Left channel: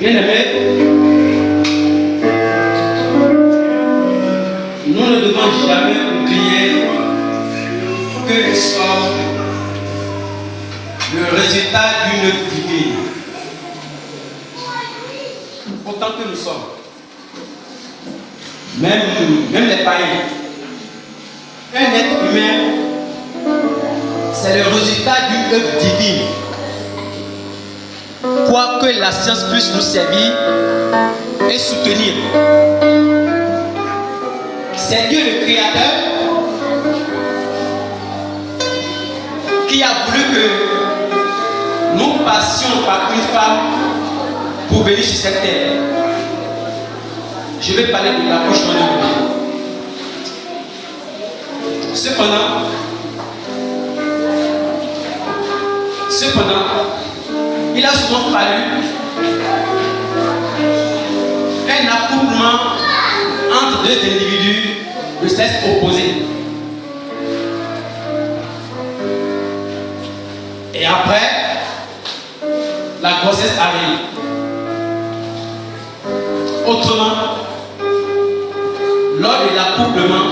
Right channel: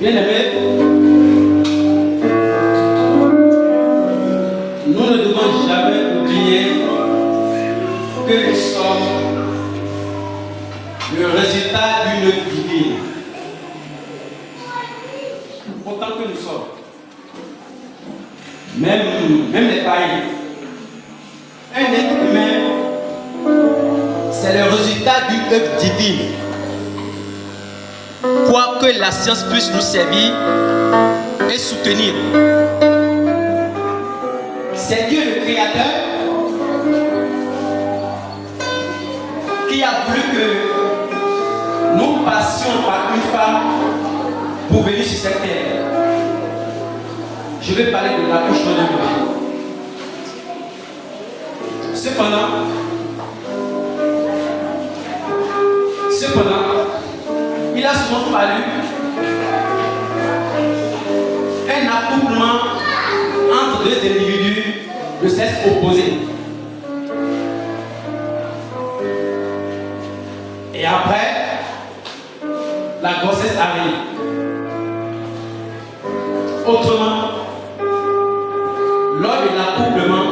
Bien-aimés, nous ne devons jamais oublier que nous sommes le résultat d'une œuvre divine. Autant que nous sommes. Même les païens. Un être humain, c'est le résultat d'une œuvre divine. Quoi que la science puisse nous servir et soutenir. C'est Dieu le Créateur qui a voulu que nous passions par une femme pour venir sur cette terre. Je vais parler de l'accouchement de bébé. Cependant, il a souvent fallu un accouplement entre deux individus de sexe opposé. Et après, la grossesse arrive. Autrement, lors de l'accouplement,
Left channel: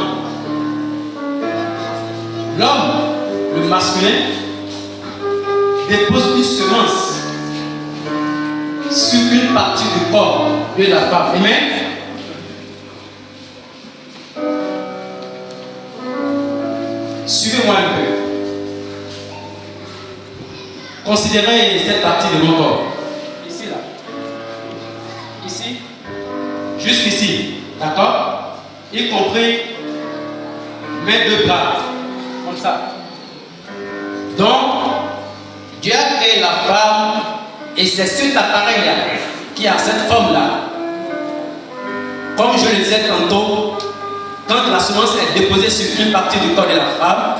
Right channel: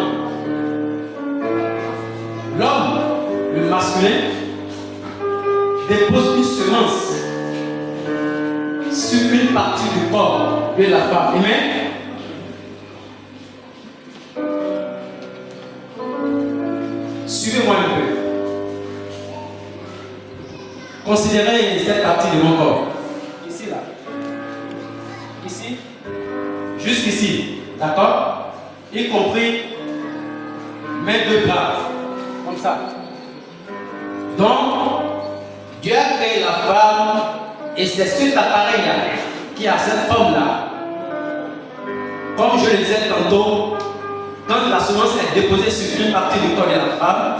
l'homme, le masculin, dépose une semence sur une partie du corps de la femme. Amen. Suivez-moi un peu. Considérez cette partie de mon corps. Ici, là. Ici. Jusqu'ici. D'accord? Y compris mes deux bras. Comme ça. Donc, Dieu a créé la femme et c'est cet appareil-là qui a cette forme-là. Comme je le disais tantôt, quand la semence est déposée sur une partie du corps de la femme,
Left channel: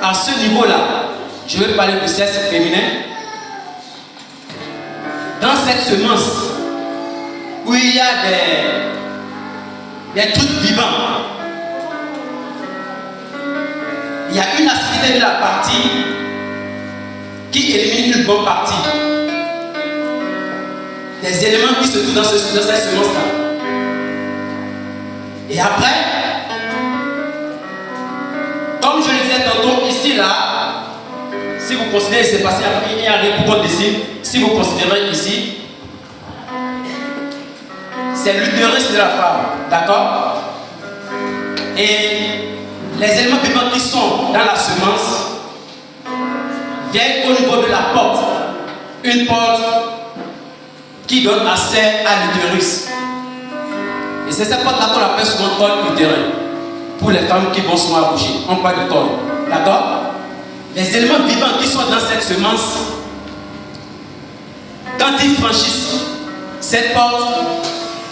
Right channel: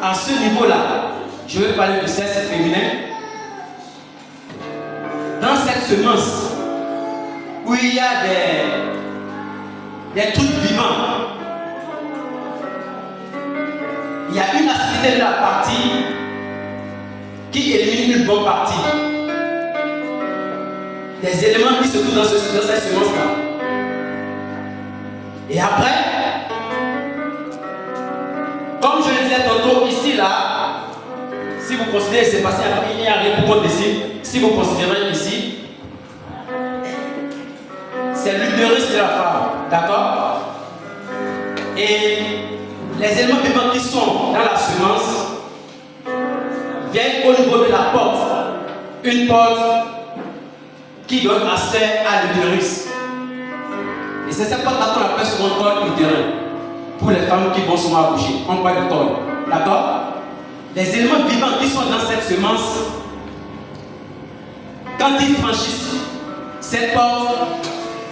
à ce niveau-là, je vais parler de sexe féminin. Dans cette semence, où il y a des trucs vivants, il y a une acidité de la partie qui élimine une bonne partie. Des éléments qui se trouvent dans cette semence-là. Et après, comme je le disais tantôt, ici, là, si vous considérez, c'est passé après, il y a un beaucoup de signes. Si vous considérez ici, c'est l'utérus de la femme. D'accord? Et les éléments vivants qui sont dans la semence viennent au niveau de la porte. Une porte qui donne accès à l'utérus. Et c'est cette porte-là qu'on appelle souvent col utérin. Pour les femmes qui vont souvent accoucher. On parle de col. D'accord? Les éléments vivants qui sont dans cette semence, quand ils franchissent cette porte,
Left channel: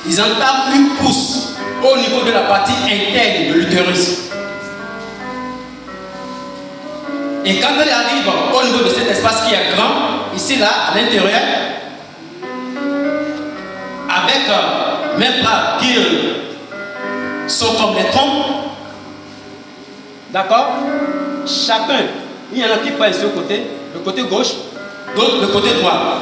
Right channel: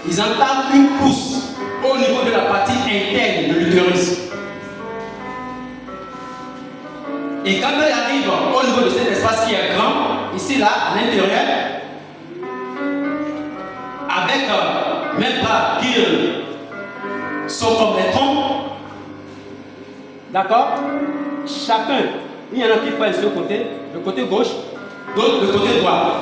ils entament une pousse au niveau de la partie interne de l'utérus. Et quand elle arrive au niveau de cet espace qui est grand, ici là, à l'intérieur, avec même pas qui sont comme les troncs, d'accord? Chacun, il y en a qui prennent ce côté, le côté gauche, d'autres le côté droit.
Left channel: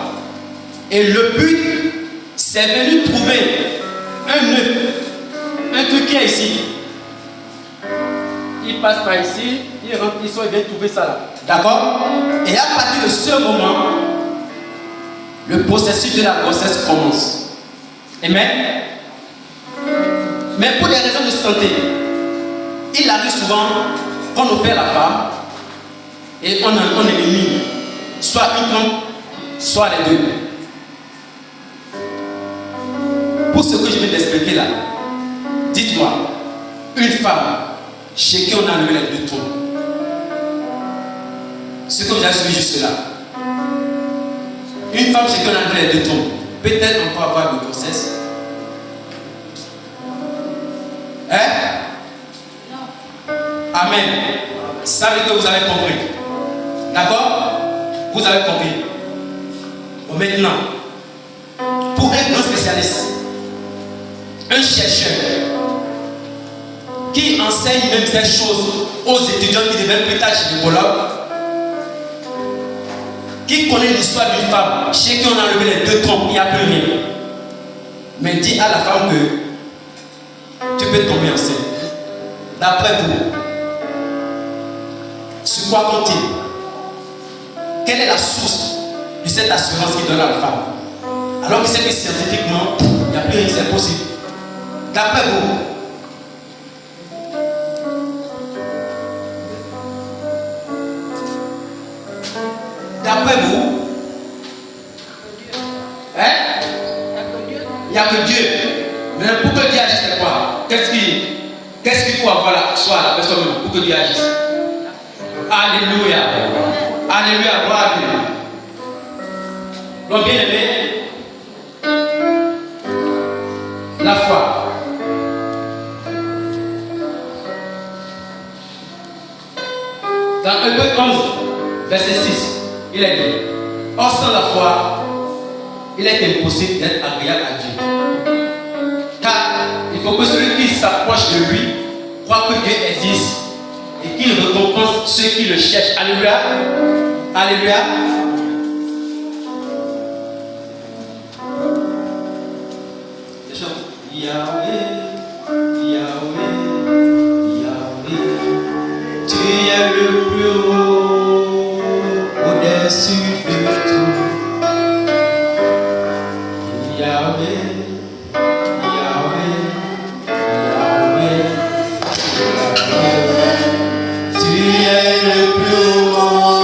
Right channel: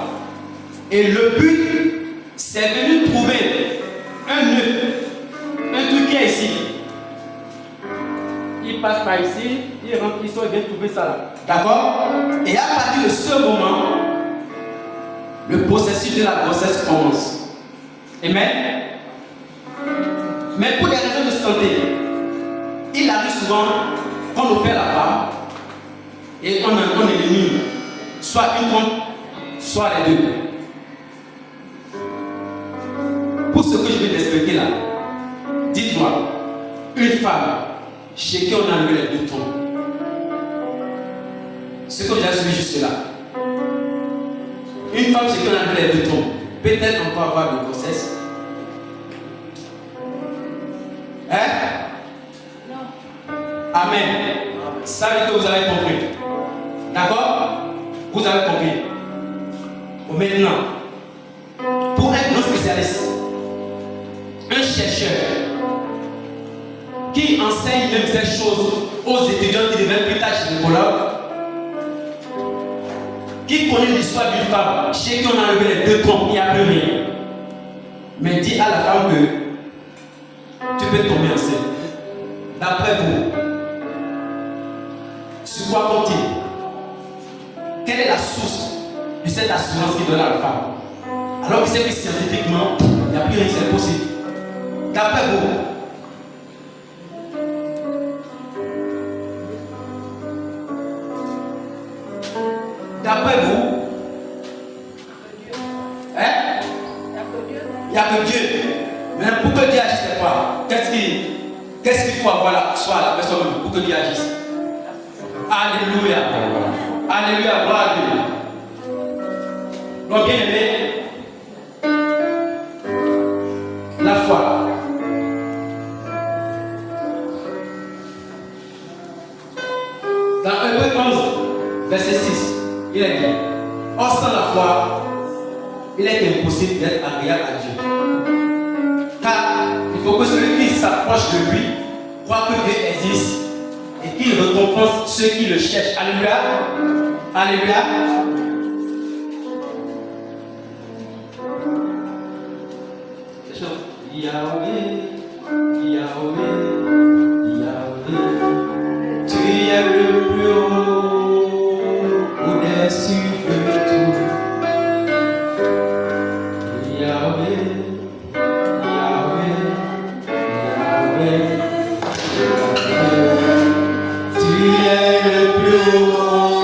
Et le but, c'est venu trouver un œuf, un truc qui est ici. Il passe par ici, il rentre ici, il vient trouver ça là. D'accord? Et à partir de ce moment, le processus de la grossesse commence. Amen? Mais pour des raisons de santé, il arrive souvent qu'on opère la femme et on élimine soit une trompe, soit les deux. Pour ce que je viens d'expliquer là, dites-moi, une femme chez qui on a enlevé les deux trompes, ce que vous avez suivi jusque là, une femme chez qui on a enlevé les deux trompes, peut-être encore avoir de grossesse. Hein? Non. Amen. Ça veut dire que vous avez compris. D'accord? Vous avez compris. Bon, maintenant, pour un grand spécialiste, un chercheur qui enseigne même ces choses aux étudiants qui deviennent plus tard gynécologues, qui connaît l'histoire d'une femme, chez qui on a enlevé les 2 trompes, il n'y a plus rien. Mais dis à la femme que tu peux tomber enceinte. D'après vous, sur quoi compte-t-il? Quelle est la source de cette assurance qu'il donne à la femme? Alors qu'il sait que scientifiquement, il n'y a plus rien, c'est possible. D'après vous, hein? Il n'y a que Dieu. Mais pour que Dieu agisse, c'est quoi? Qu'est-ce qu'il faut avoir là, soit la personne pour que Dieu agisse? Alléluia. Alléluia, gloire à Dieu. Donc, bien aimé, la foi. Dans Hébreux 11, verset 6, il est dit: or sans la foi, il est impossible d'être agréable à Dieu. Car il faut que celui qui s'approche de lui croit que Dieu existe et qu'il récompense ceux qui le cherchent. Alléluia. Alléluia. Yahweh, Yahweh, Yahweh, tu es le plus haut au-dessus de tout. Yahweh, Yahweh, Yahweh, Yahweh, tu es le plus haut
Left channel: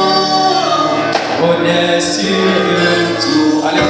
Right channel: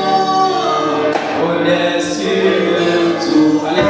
au-dessus de tout. Allez.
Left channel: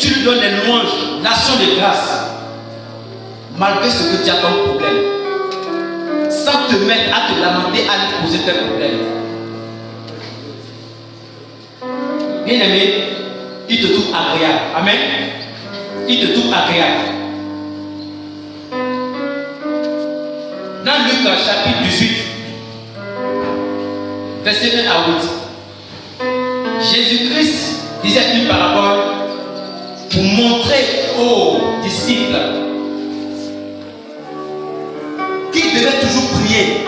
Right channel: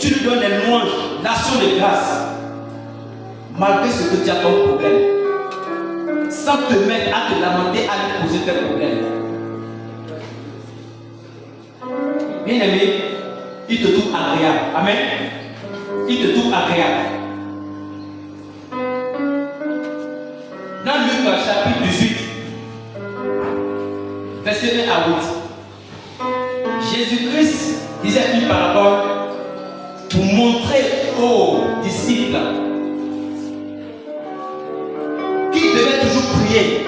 tu lui donnes les louanges, l'action de grâce, malgré ce que tu as comme problème, sans te mettre à te lamenter, à lui poser tes problèmes. Bien aimé, il te trouve agréable. Amen. Il te trouve agréable. Dans Luc chapitre 18, verset 1 à 8, Jésus-Christ disait une parabole pour montrer aux disciples qu'ils devaient toujours prier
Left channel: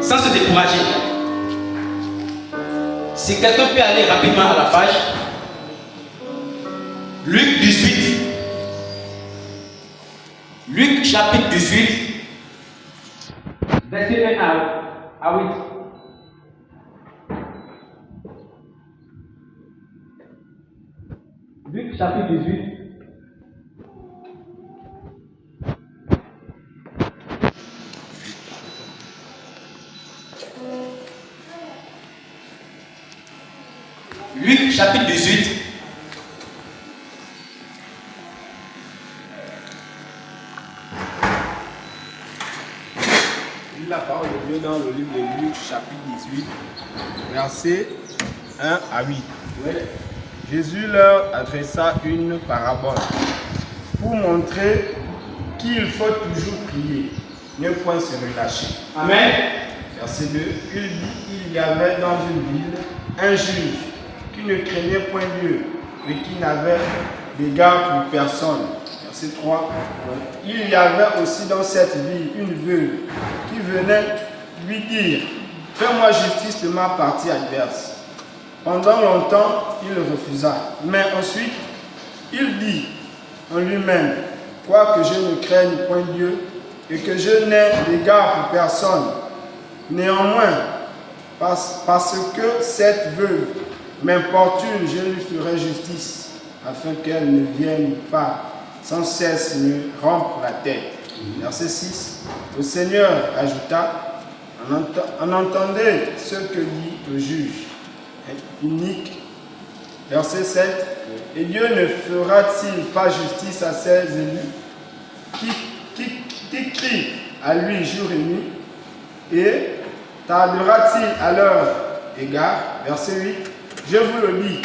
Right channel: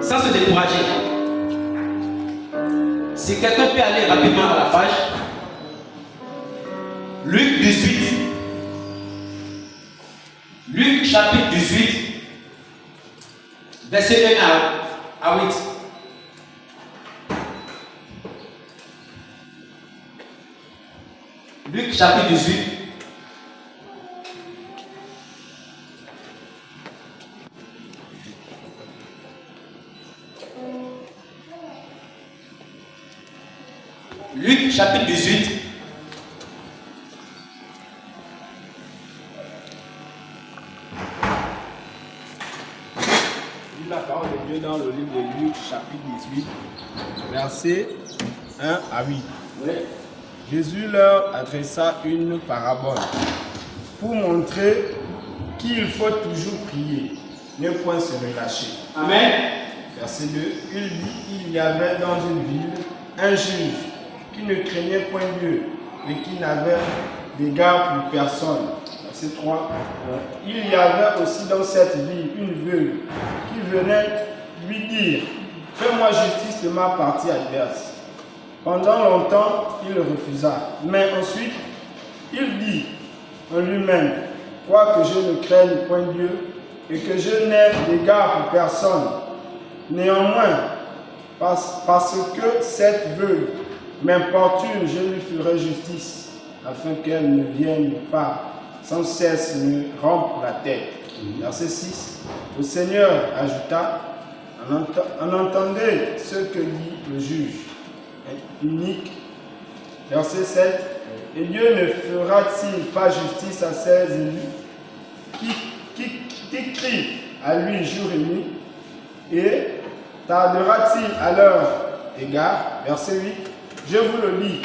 sans se décourager. Si quelqu'un peut aller rapidement à la page, Luc 18, Luc chapitre 18, verset 1 à 8. Luc chapitre 18. Luc chapitre 18. La parole de Dieu dans le livre de Luc chapitre 18, versets 1 à 8. Oui. Jésus leur adressa une parabole pour montrer qu'il faut toujours prier, ne point se relâcher. Amen. Verset 2, il dit, il y avait dans une ville un juge qui ne craignait point Dieu et qui n'avait d'égard pour personne. Verset 3, il y avait aussi dans cette ville une veuve qui venait lui dire, fais-moi justice de ma partie adverse. Pendant longtemps, il refusa, mais ensuite, il dit en lui-même, quoique je ne craigne point Dieu et que je n'ai d'égard pour personne, néanmoins, parce que cette veuve m'importune, je lui ferai justice, afin qu'elle ne vienne pas sans cesse me rompre la tête. Verset 6. Le Seigneur ajouta, en entendez ce que dit le juge unique. Verset 7. Et Dieu ne fera-t-il pas justice à ses élus qui crient à lui jour et nuit, et tardera-t-il à leur égard? Verset 8. Je vous le dis,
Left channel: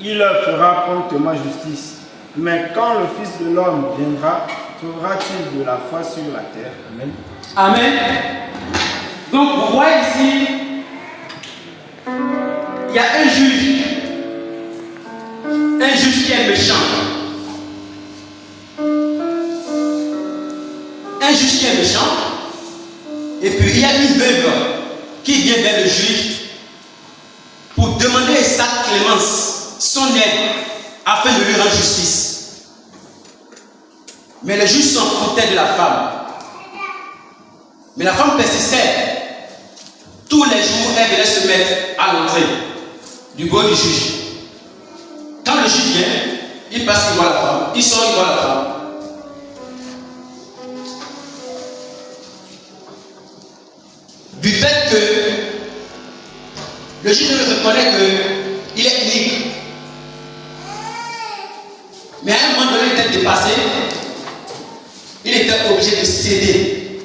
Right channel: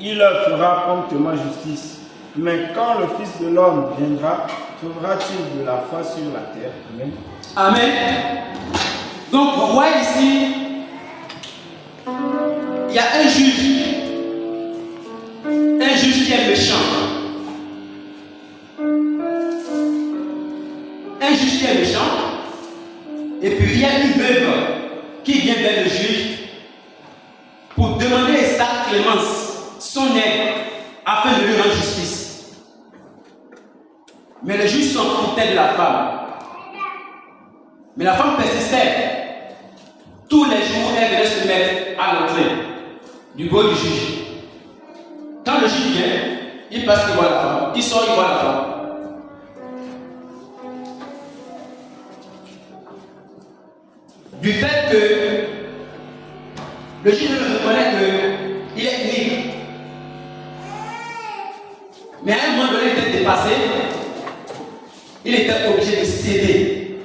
il leur fera promptement justice. Mais quand le Fils de l'homme viendra, trouvera-t-il de la foi sur la terre? Amen. Amen. Donc, vous voyez ici, il y a un juge qui est méchant. Un juge qui est méchant. Et puis, il y a une veuve qui vient vers le juge pour demander sa clémence, son aide, afin de lui rendre justice. Mais le juge s'en foutait de la femme. Mais la femme persistait. Tous les jours, elle venait se mettre à l'entrée du bureau du juge. Quand le juge vient, il passe, il voit la femme. Il sort, il voit la femme. Du fait que le juge reconnaît qu'il est unique. Mais à un moment donné, il était dépassé. Il était obligé de céder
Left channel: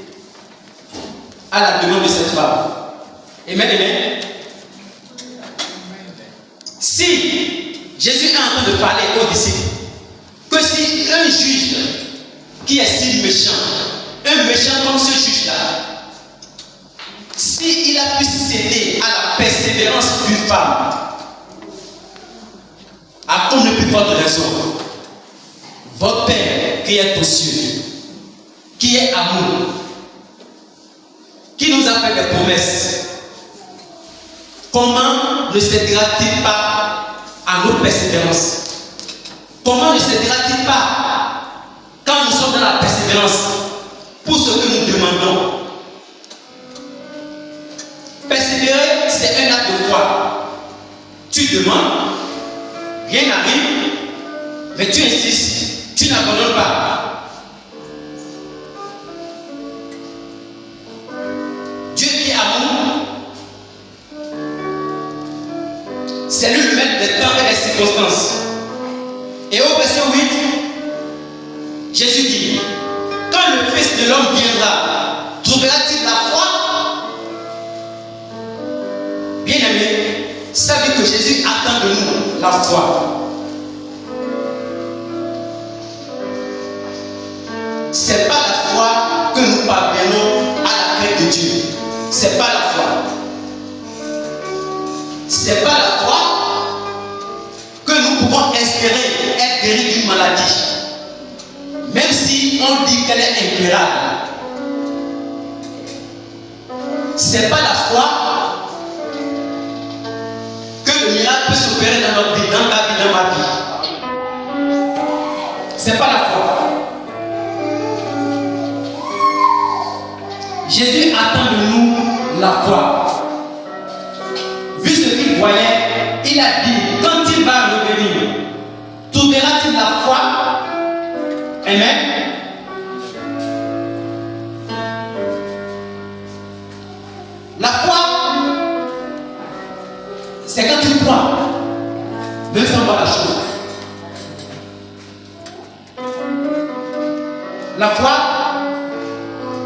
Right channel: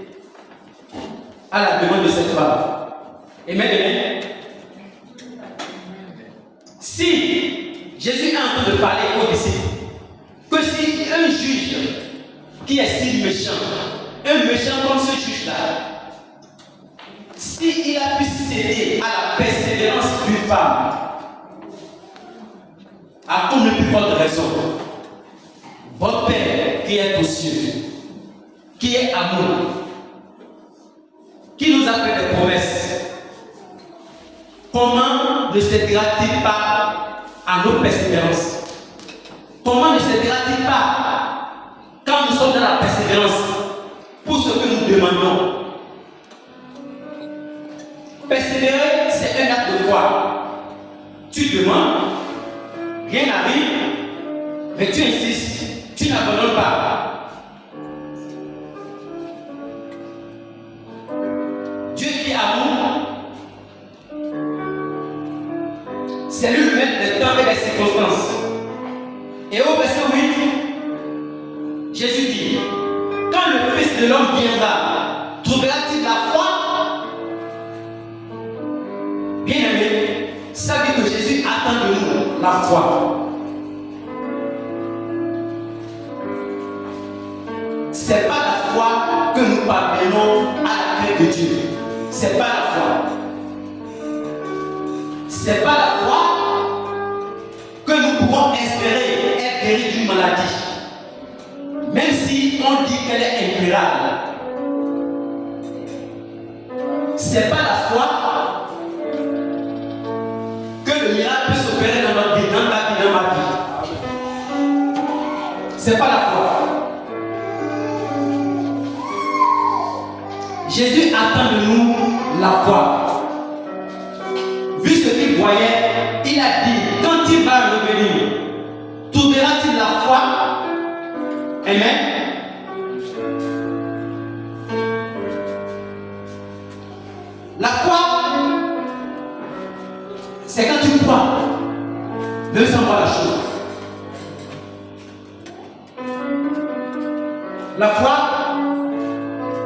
à la demande de cette femme. Amen, amen. Si Jésus est en train de parler aux disciples, que si un juge qui est si méchant, un méchant comme ce juge-là, s'il a pu céder à la persévérance d'une femme, à cause de plus forte raison, votre Père qui est aux cieux, qui est amour, qui nous a fait des promesses, comment ne cédera-t-il pas à nos persévérances? Comment ne cédera-t-il pas quand nous sommes dans la persévérance pour ce que nous demandons? Persévérer, c'est un acte de foi. Tu demandes, rien n'arrive, mais tu insistes, tu n'abandonnes pas. Dieu qui est amour, c'est lui le maître des temps et des circonstances. Et au verset 8, Jésus dit, quand le Fils de l'homme viendra, trouvera-t-il la foi? Bien-aimé, savez que Jésus attend de nous la foi. Ce n'est pas la foi que nous parvenons à la crainte de Dieu. Ce n'est pas la foi. Ce n'est pas la foi que nous pouvons espérer être guéris d'une maladie. Même si on dit qu'elle est incurable. Ce n'est pas la foi que le miracle peut s'opérer dans notre vie, dans ta vie, dans ma vie. Ce n'est pas la foi. Jésus attend de nous la foi. Vu ce qu'il voyait, il a dit, quand il va revenir, trouvera-t-il la foi? Amen. La foi, c'est quand tu crois, même sans voir la chose. La foi,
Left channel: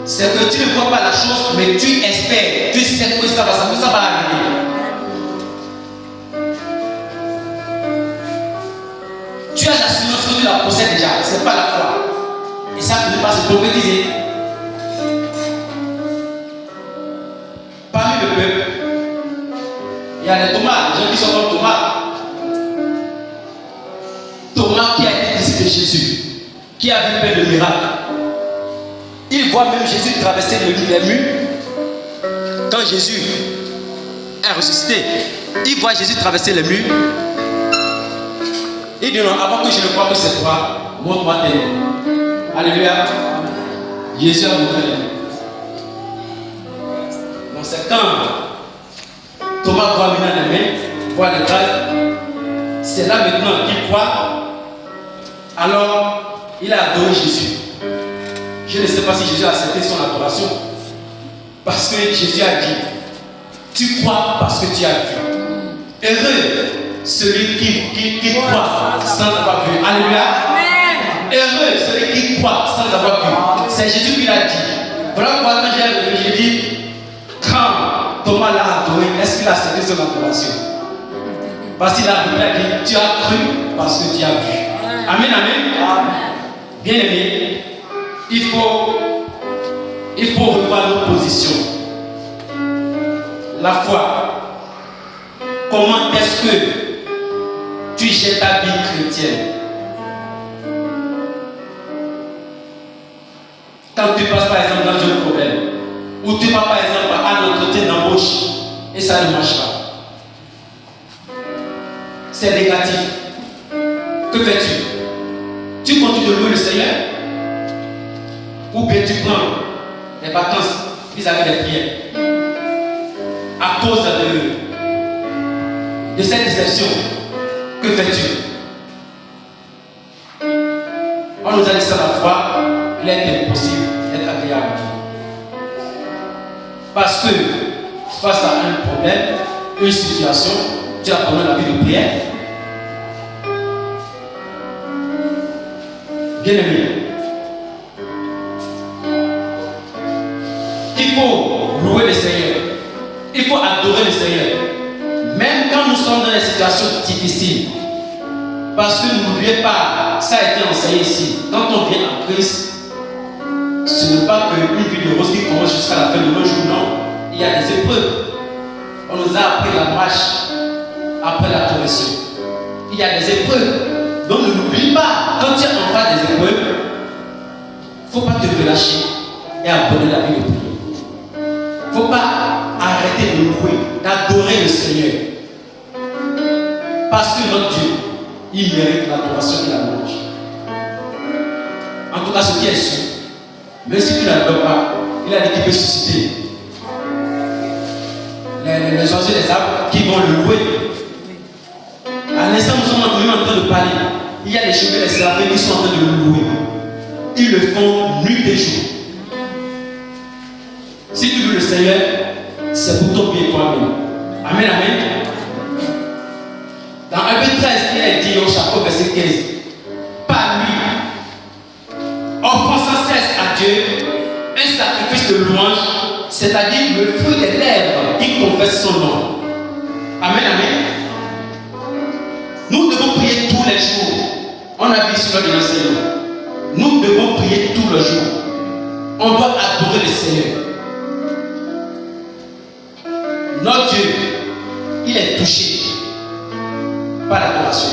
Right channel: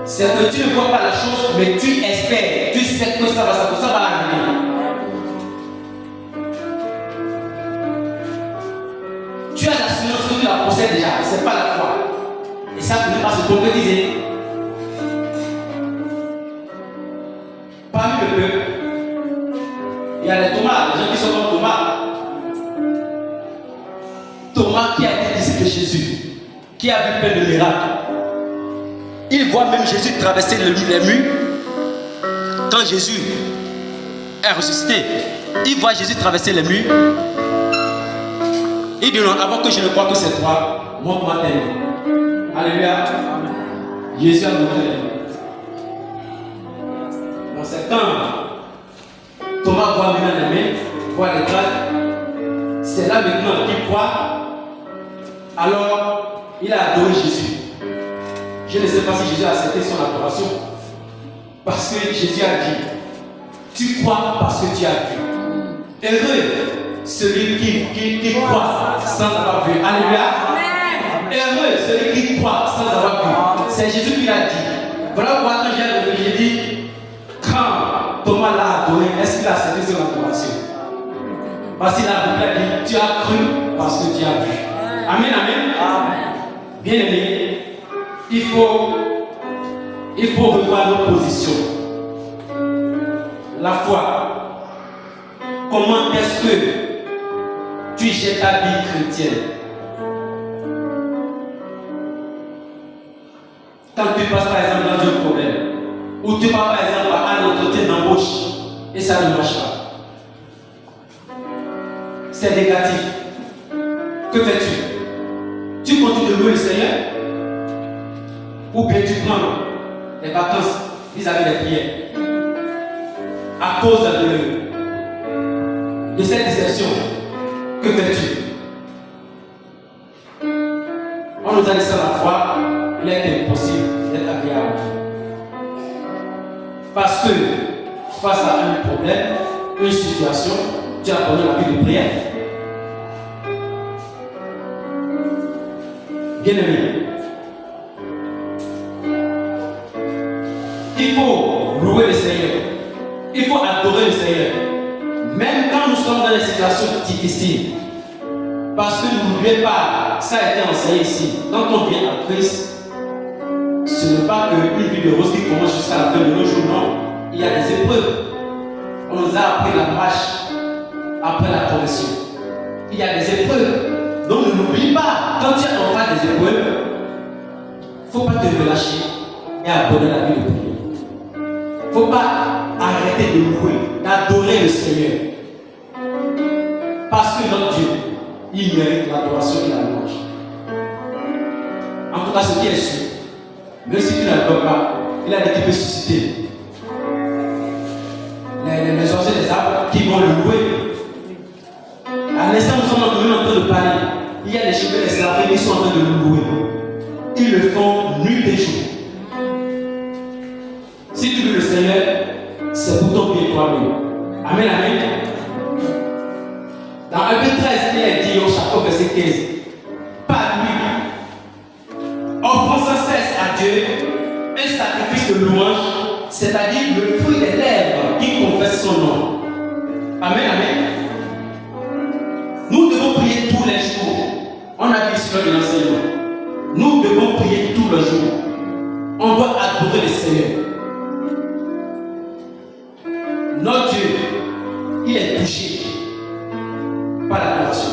c'est que tu ne vois pas la chose, mais tu espères, tu sais que ça va arriver. Tu as l'assurance que tu la possèdes déjà, ce n'est pas la foi. Et ça ne peut pas se concrétiser. Parmi le peuple, il y a les Thomas, les gens qui sont comme Thomas. Thomas qui a été disciple de Jésus, qui a vu plein de miracles. Il voit même Jésus traverser les murs. Quand Jésus est ressuscité, il voit Jésus traverser les murs. Il dit non, avant que je ne croie que c'est toi, montre-moi tes mains. Alléluia. Jésus a montré les mains. Donc c'est quand Thomas voit maintenant les mains, voit les traces, c'est là maintenant qu'il croit. Alors il a adoré Jésus. Je ne sais pas si Jésus a accepté son adoration. Parce que Jésus a dit, tu crois parce que tu as vu. Heureux celui qui croit sans avoir vu. Alléluia. Heureux celui qui croit sans avoir vu. C'est Jésus qui l'a dit. Voilà pourquoi quand j'ai dit, quand Thomas l'a adoré, est-ce qu'il a accepté son adoration? Parce qu'il a dit, tu as cru parce que tu as vu. Amen, amen. Bien aimé, il faut revoir nos positions. La foi. Comment est-ce que tu gères ta vie chrétienne? Quand tu passes par exemple dans un problème, ou tu vas par exemple à un entretien d'embauche et ça ne marche pas. C'est négatif. Que fais-tu? Tu continues de louer le Seigneur? Ou bien tu prends les vacances vis-à-vis des prières? À cause de cette déception, que fais-tu? On nous a dit ça la foi, il est impossible d'être agréable. Parce que face à un problème, une situation, tu as abandonné la vie de prière. Bien-aimé, il faut louer le Seigneur. Il faut adorer le Seigneur. Même quand nous sommes dans des situations difficiles. Parce que n'oubliez pas, ça a été enseigné ici. Quand on vient à Christ, ce n'est pas qu'une vie de rose qui commence jusqu'à la fin de nos jours, non. Il y a des épreuves. On nous a appris la marche après la correction. Il y a des épreuves. Donc ne l'oublie pas. Quand tu es en face des épreuves, il ne faut pas te relâcher et abandonner la vie de prière. Il ne faut pas arrêter de louer, d'adorer le Seigneur. Parce que notre Dieu, il mérite l'adoration et la louange. En tout cas, ce qui est sûr, même si tu n'adores pas, il a dit qu'il peut susciter les oiseaux des arbres qui vont le louer. À l'instant où nous sommes en train de parler, il y a les cheveux, les seraphims qui sont en train de le louer. Ils le font nuit et jour. Si tu loues le Seigneur, c'est pour ton bien toi-même. Amen, amen. Dans 1 Pétrus 13, il est dit au chapitre verset 15, sacrifice de louange, c'est-à-dire le fruit des lèvres qui confessent son nom. Amen, amen. Nous devons prier tous les jours. On a vu cela de l'enseignement. Nous devons prier tous les jours. On doit adorer le Seigneur. Notre Dieu, il est touché par l'adoration.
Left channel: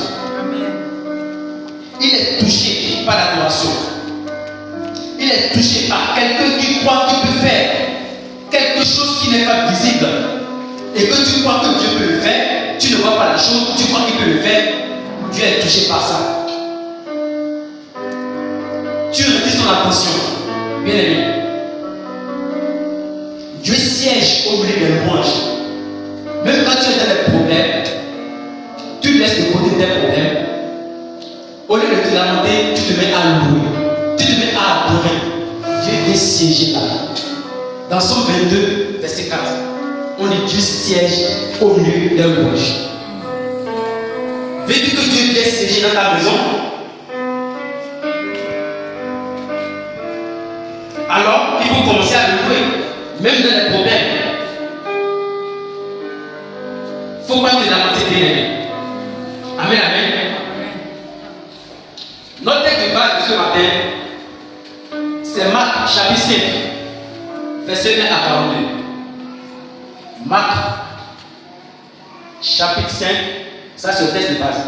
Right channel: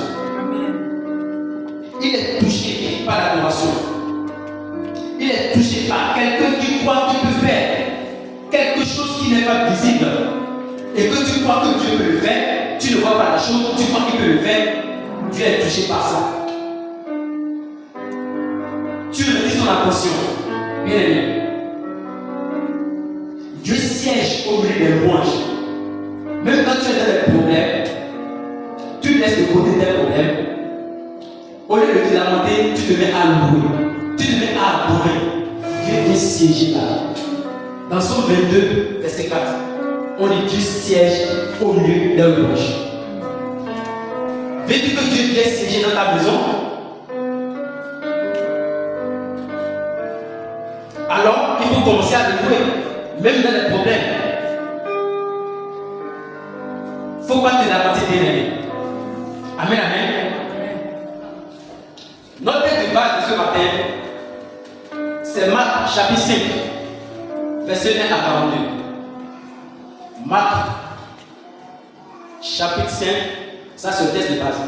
Il est touché par l'adoration. Il est touché par quelqu'un qui croit qu'il peut faire quelque chose qui n'est pas visible. Et que tu crois que Dieu peut le faire, tu ne vois pas la chose, tu crois qu'il peut le faire, Dieu est touché par ça. Tu retires son attention. Bien aimé. Dieu siège au milieu des louanges. Même quand tu es dans les problèmes, tu laisses de côté tes problèmes. Au lieu de te lamenter, tu te mets à louer. Tu te mets à adorer. Dieu est siégé là. Dans Psaume 22, verset 4, on dit Dieu siège au milieu des louanges. Veux-tu que Dieu vienne siéger dans ta maison? Alors, il faut commencer à le louer, même dans les problèmes. Il ne faut pas te lamenter, bien aimé. Amen, amen. Notre texte de base de ce matin, c'est Marc chapitre 5, verset 1 à 42. Marc chapitre 5, ça c'est le texte de base.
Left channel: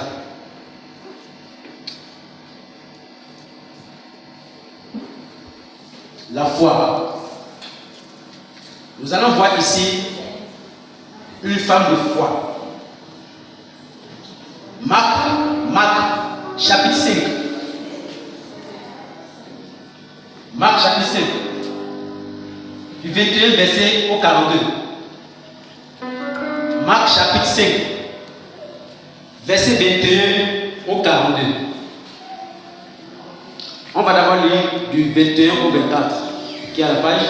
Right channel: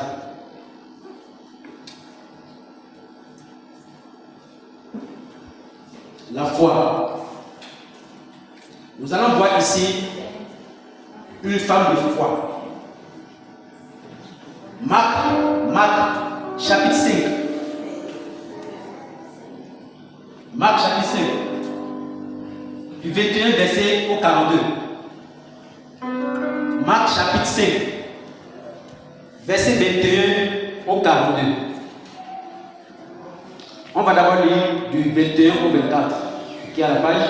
La foi. Nous allons voir ici une femme de foi. Marc chapitre 5. Marc chapitre 5. Du 21 verset au 42. Marc chapitre 5. Verset 21 au 42. On va d'abord lire du 21 au 24, qui est à la page.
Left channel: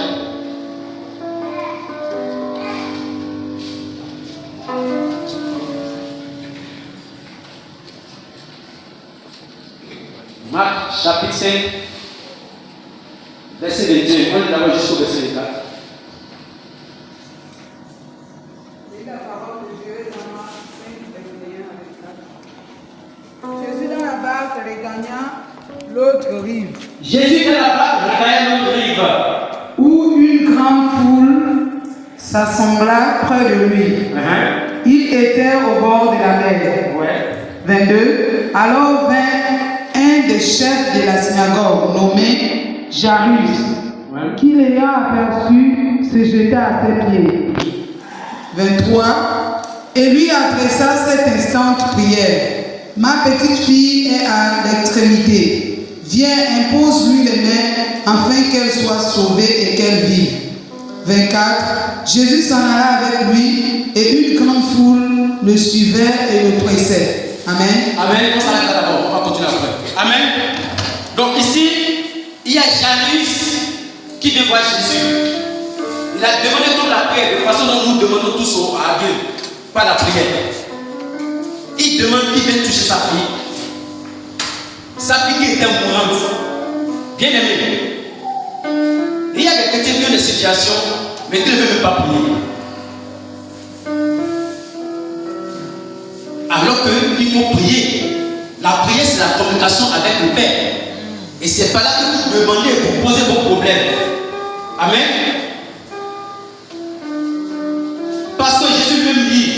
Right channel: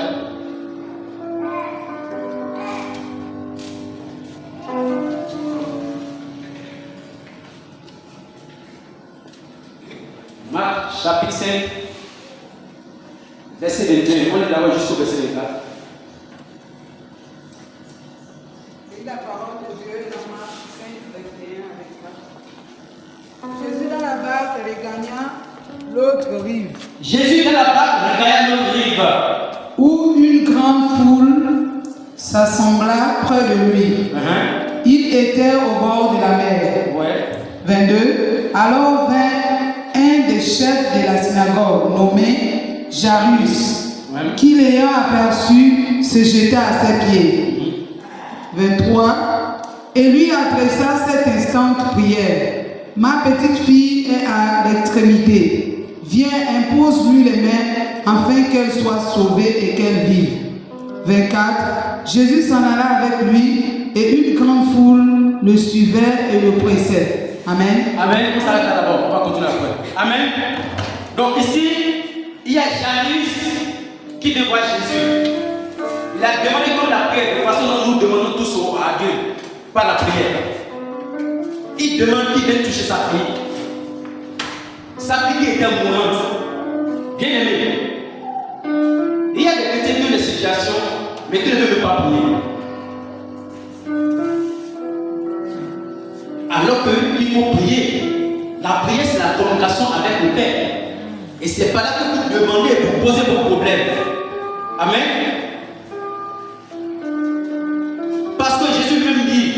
Marc chapitre 5, verset 21. On lit d'abord jusqu'au verset 24. Et la parole de Dieu dans Marc 5, 21 à 24. Jésus dans la barque regagna l'autre rive. Jésus dans la barque regagna l'autre rive, Où une grande foule s'assembla près de lui. Il était au bord de la mer. Ouais. 22. Alors vint un des chefs de la synagogue nommé Jairus, qui l'ayant aperçu se jeta à ses pieds. 23. Et lui adressa cette instante prière. Ma petite fille est à l'extrémité. Viens, impose-lui les mains afin qu'elle soit sauvée et qu'elle vive. 24. Jésus s'en alla avec lui et une grande foule le suivait et le pressait. Amen. Amen. On s'arrête là d'abord. On va continuer après. Amen. Donc ici, il y a Jairus qui devant Jésus. Il a demandé toute la paix de façon dont nous demandons tous à Dieu, par la prière. Il demande qu'il vienne toucher sa fille. Sa fille qui était mourante. Bien aimé. Il y a des chrétiens qui ont des situations, mais qui ne veulent même pas prier. Alors qu'il faut prier. La prière, c'est la communication avec le Père. Et c'est par là que vous demandez, vous posez vos problèmes. Amen. Parce que Jésus même dit,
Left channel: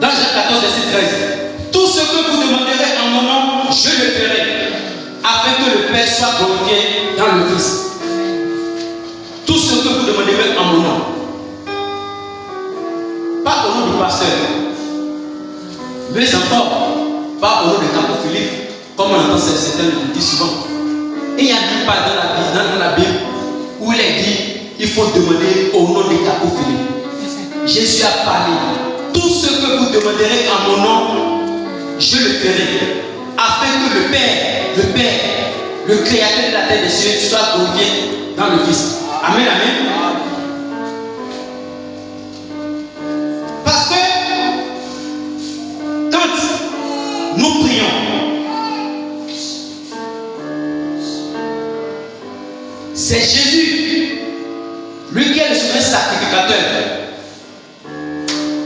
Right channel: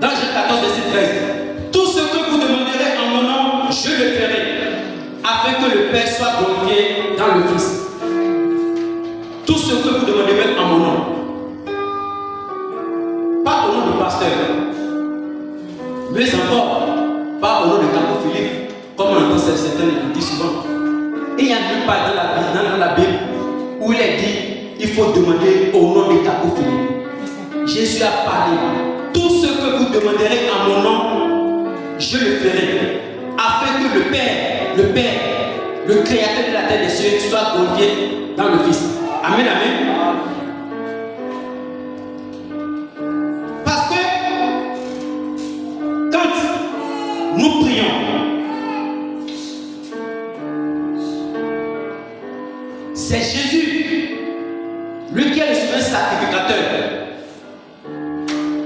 dans Jean 14, verset 13, tout ce que vous demanderez en mon nom, je le ferai, afin que le Père soit glorifié dans le Fils. Tout ce que vous demanderez en mon nom. Pas au nom du pasteur, mais encore, pas au nom de Campo Philippe, comme on entend certains le disent souvent. Et il y a nulle part dans la Bible où il est dit il faut demander au nom de Campo Philippe. Jésus a parlé. Tout ce que vous demanderez en mon nom, je le ferai, afin que le Père, le Créateur de la terre et des cieux, soit glorifié dans le Fils. Amen, amen. Parce que quand nous prions, c'est Jésus un sacrificateur.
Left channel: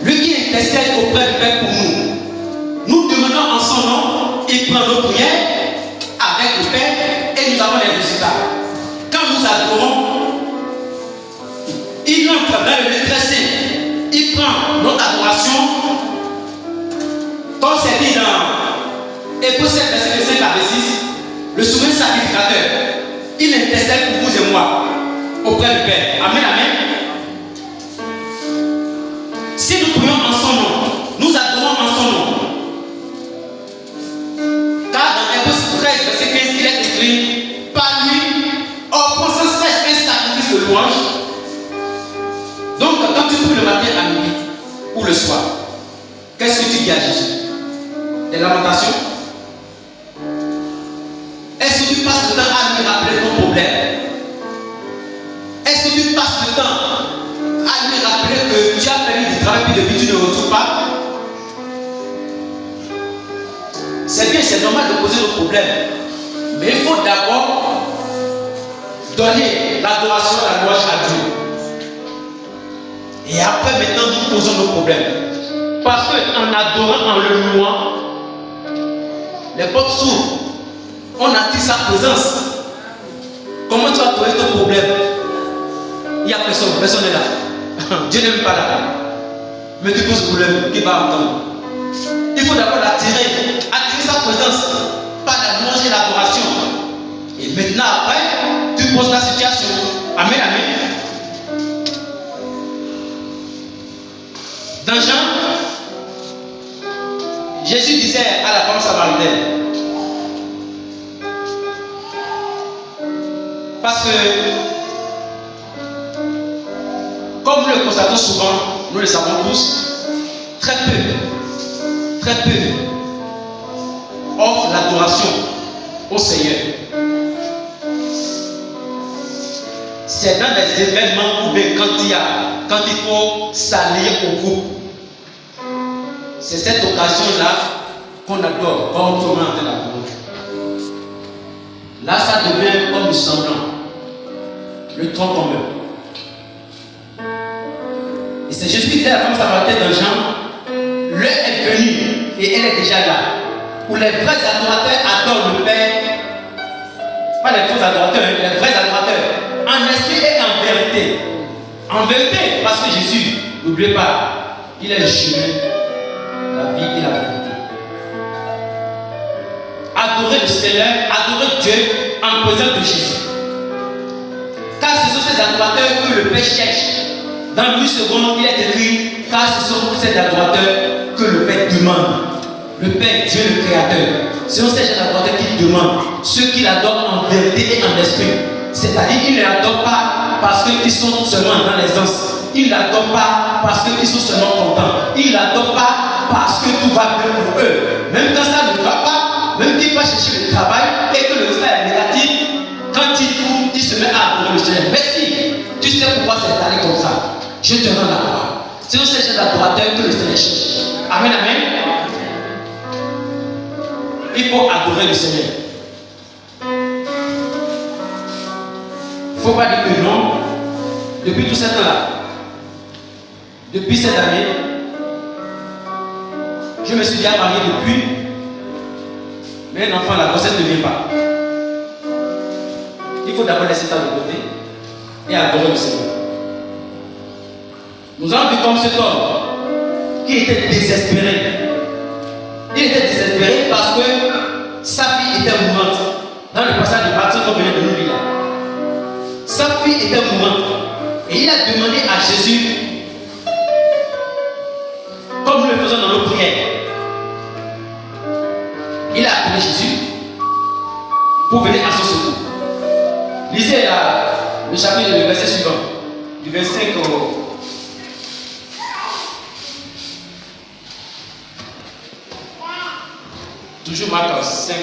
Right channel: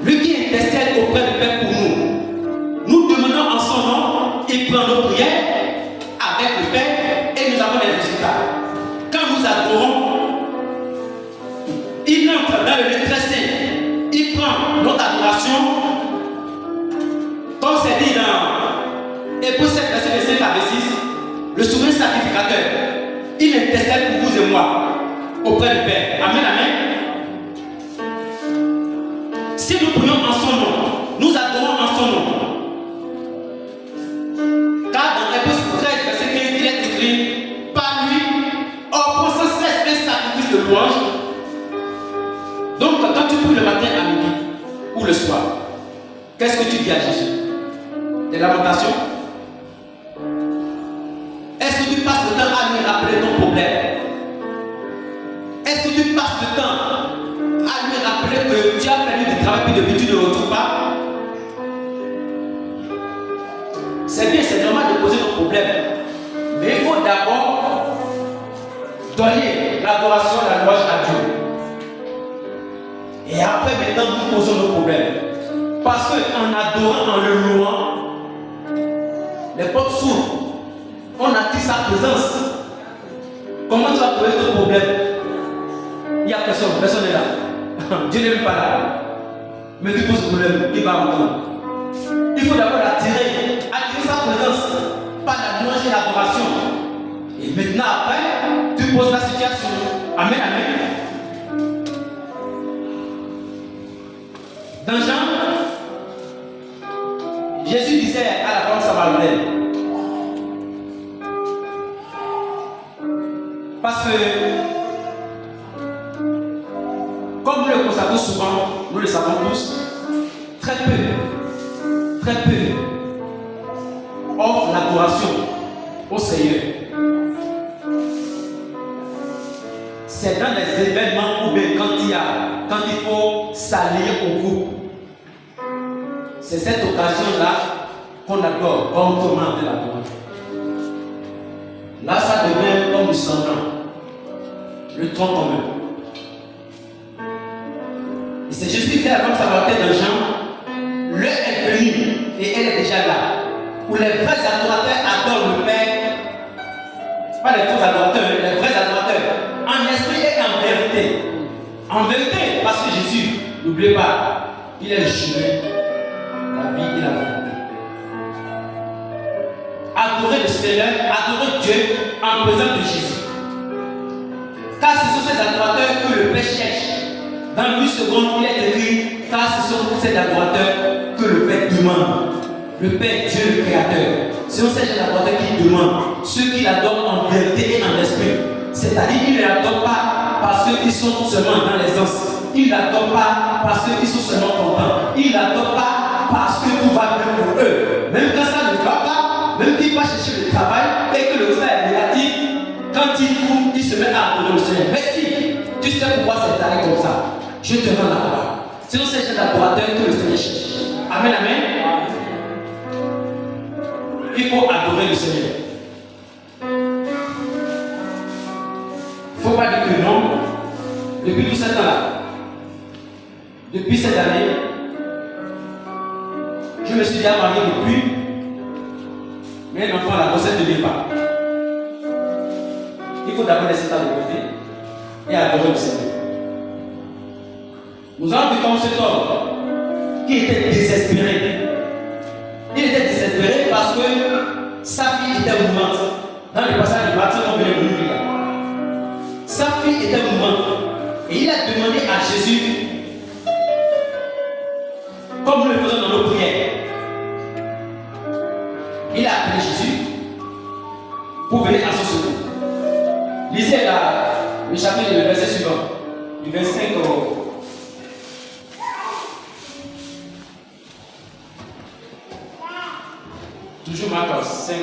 Lui qui intercède auprès du Père pour nous. Nous demandons en son nom, il prend nos prières avec le Père et nous avons les résultats. Quand nous adorons, il entre dans le lieu très saint. Il prend notre adoration, comme c'est dit dans Hébreux 7, verset 5 à 6, le souverain sacrificateur. Il intercède pour vous et moi auprès du Père. Amen, amen. Si nous prions en son nom, nous adorons en son nom. Car dans Hébreux 13, verset 15, il est écrit, par lui, offrons sans cesse un sacrifice de louange. Donc, quand tu pries le matin à midi ou le soir, qu'est-ce que tu dis à Jésus? Des lamentations? Est-ce que tu passes le temps à lui rappeler ton problème? Est-ce que tu passes le temps à lui rappeler que tu as perdu du travail et depuis tu ne retrouves pas? C'est bien, c'est normal de poser nos problèmes. Mais il faut d'abord donner l'adoration, la louange à Dieu. Et après, maintenant, nous posons nos problèmes. Parce qu'en adorant, en le louant, les portes s'ouvrent. On attire sa présence. Comment tu vas trouver ton problème? Il n'y a personne, personne n'est là. Dieu n'est même pas là. Mais tu poses le problème, qui va entendre? Il faut d'abord attirer sa présence par la louange et l'adoration. Et maintenant, après, tu poses la situation. Amen, amen. Dans Jean, Jésus disait à la femme samaritaine, parce que, comme nous le constatons souvent, nous le savons tous, très peu offrent l'adoration au Seigneur. C'est dans les événements ou bien quand il faut s'allier au groupe. C'est cette occasion-là qu'on adore, comme tout le monde l'adore. Là, ça devient comme du semblant, le tronc commun. Et c'est Jésus qui dit à la femme samaritaine dans Jean, l'heure est venue et elle est déjà là, où les vrais adorateurs adorent le Père, pas les faux adorateurs, les vrais adorateurs, en esprit et en vérité. En vérité, parce que Jésus, n'oubliez pas, il est le chemin, la vie et la vérité. Adorer le Seigneur, adorer Dieu en présence de Jésus. Car ce sont ces adorateurs que le Père cherche. Dans 8 secondes, il est écrit, car ce sont ces adorateurs que le Père demande. Le Père, Dieu le Créateur. Ce sont ces adorateurs qui demandent, ceux qui l'adorent en vérité et en esprit. C'est-à-dire qu'ils ne l'adorent pas parce qu'ils sont seulement dans l'aisance. Ils ne l'adorent pas parce qu'ils sont seulement contents. Ils ne l'adorent pas parce que tout va bien pour eux. Même quand ça ne va pas, même qu'il va chercher le travail et que le résultat est négatif, quand il trouve, il se met à adorer le Seigneur. Merci. Tu sais pourquoi c'est allé comme ça. Je te rends la gloire. C'est ces gens d'adorateurs que le Seigneur cherche. Amen, amen. Il faut adorer le Seigneur. Il ne faut pas dire que non. Depuis tout ce temps-là, depuis cette année, je me suis déjà marié depuis, mais un enfant, la grossesse ne vient pas. Il faut d'abord laisser ça de côté et adorer le Seigneur. Nous avons vu comme cet homme qui était désespéré. Il était désespéré parce que sa fille était mourante. Dans le passage de Matthieu qu'on venait de nous lire là. Sa fille était mourante. Et il a demandé à Jésus, comme nous le faisons dans nos prières, il a appelé Jésus pour venir à son secours. Lisez là, le chapitre, le verset suivant, du 25 au... Toujours Marc 5.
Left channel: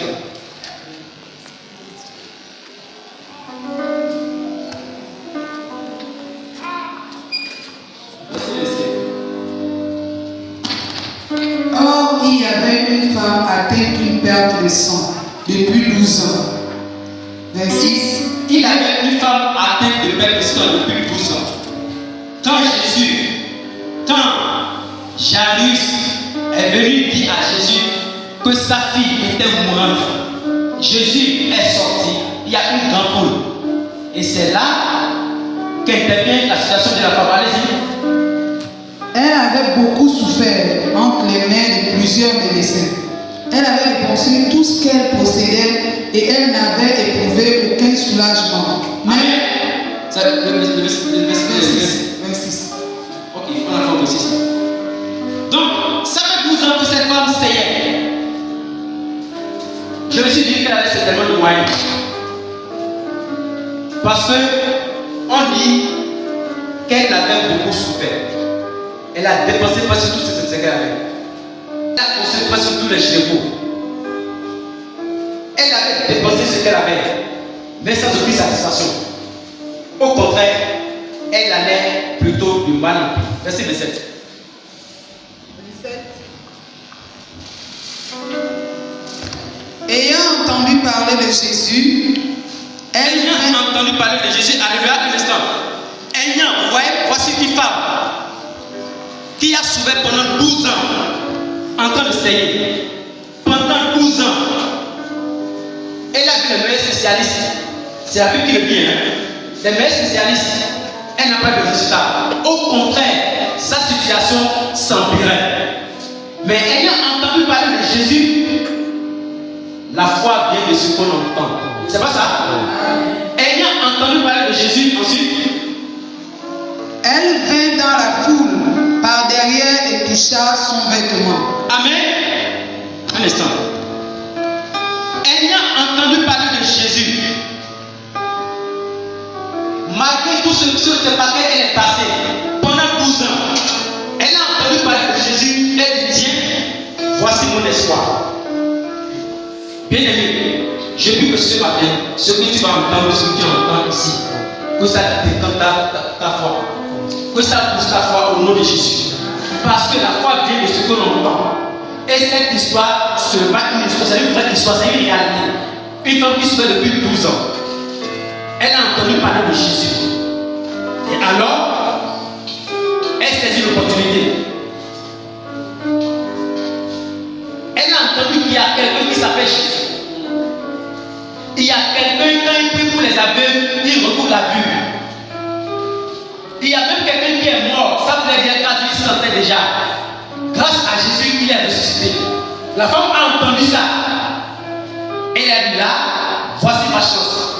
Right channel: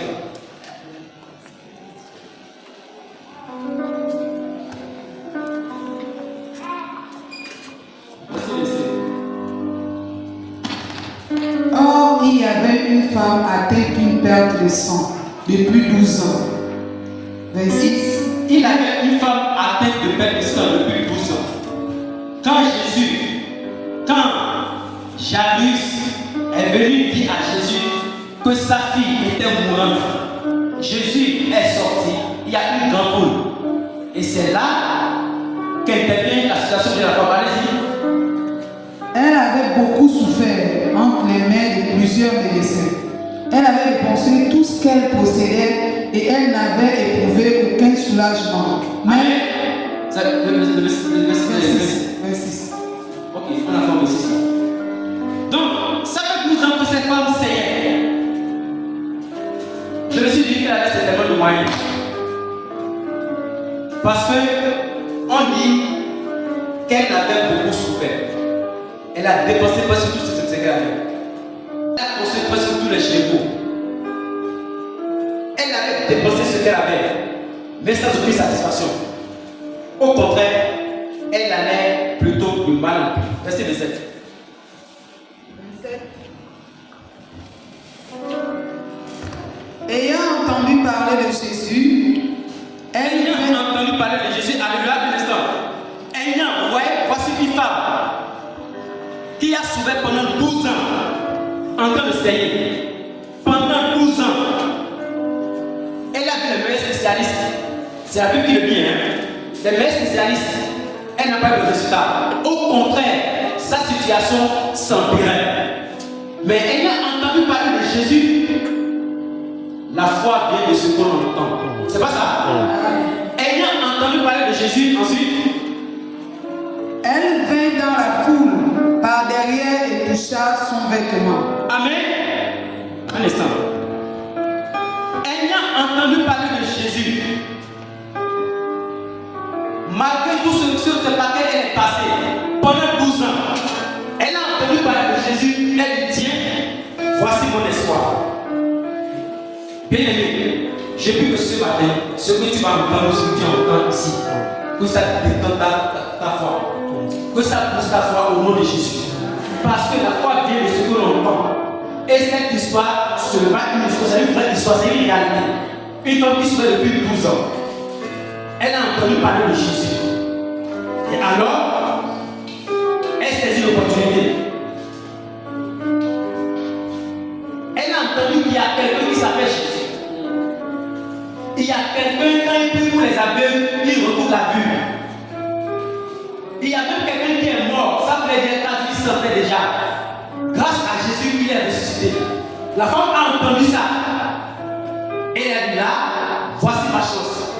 Or, il y avait une femme atteinte d'une perte de sang depuis 12 ans. Verset 6. Il avait une femme atteinte de perte de sang depuis 12 ans. Jairus est venu dire à Jésus que sa fille était mourante. Jésus est sorti, il y a une grande foule. Et c'est là qu'intervient la situation de la femme. Allez-y. Elle avait beaucoup souffert entre les mains de plusieurs médecins. Elle avait dépensé tout ce qu'elle possédait et elle n'avait éprouvé aucun soulagement. Mais c'est le 26. Ok, on a fait le 6. Donc, ça fait 12 ans que cette femme saignait. Je me suis dit qu'elle avait certainement de moyens. Parce que on dit qu'elle avait beaucoup souffert. Elle a dépensé presque tout ce qu'elle avait. Elle a consommé presque tous les chevaux. Elle avait dépensé ce qu'elle avait, mais sans aucune satisfaction. Au contraire, elle allait plutôt du mal en pis. Verset 27. Ayant entendu parler de Jésus, Ayant entendu parler de Jésus, alléluia, un instant. Voici une femme qui a souffert pendant 12 ans en train de saigner. Pendant 12 ans, elle a vu les meilleurs spécialistes. C'est la Bible qui le dit, les meilleurs spécialistes. Elle n'a pas eu de résultat. Au contraire, sa situation s'empirait. Mais ayant entendu parler de Jésus, la foi vient de ce qu'on entend. C'est pas ça? Ayant entendu parler de Jésus, ensuite, elle vint dans la foule par derrière et toucha son vêtement. Amen. Un instant. Ayant entendu parler de Jésus, malgré tout ce par lequel elle est passée pendant 12 ans, elle a entendu parler de Jésus, elle dit tiens, voici mon espoir. Bien-aimé, je prie que ce matin, ce que tu vas entendre, ce que tu entends ici, que ça détende ta foi, que ça pousse ta foi au nom de Jésus. Parce que la foi vient de ce que l'on entend. Et cette histoire, ce n'est pas une histoire, c'est une vraie histoire, c'est une réalité. Une femme qui souffre depuis 12 ans. Elle a entendu parler de Jésus. Et alors, elle saisit l'opportunité. Elle a entendu qu'il y a quelqu'un qui s'appelle Jésus. Il y a quelqu'un, quand il prie pour les aveugles, il recouvre la vue. Il y a même quelqu'un qui est mort, ça voulait dire quand il sentait déjà. Grâce à Jésus, il est ressuscité. La femme a entendu ça. Elle a dit là, voici ma chance.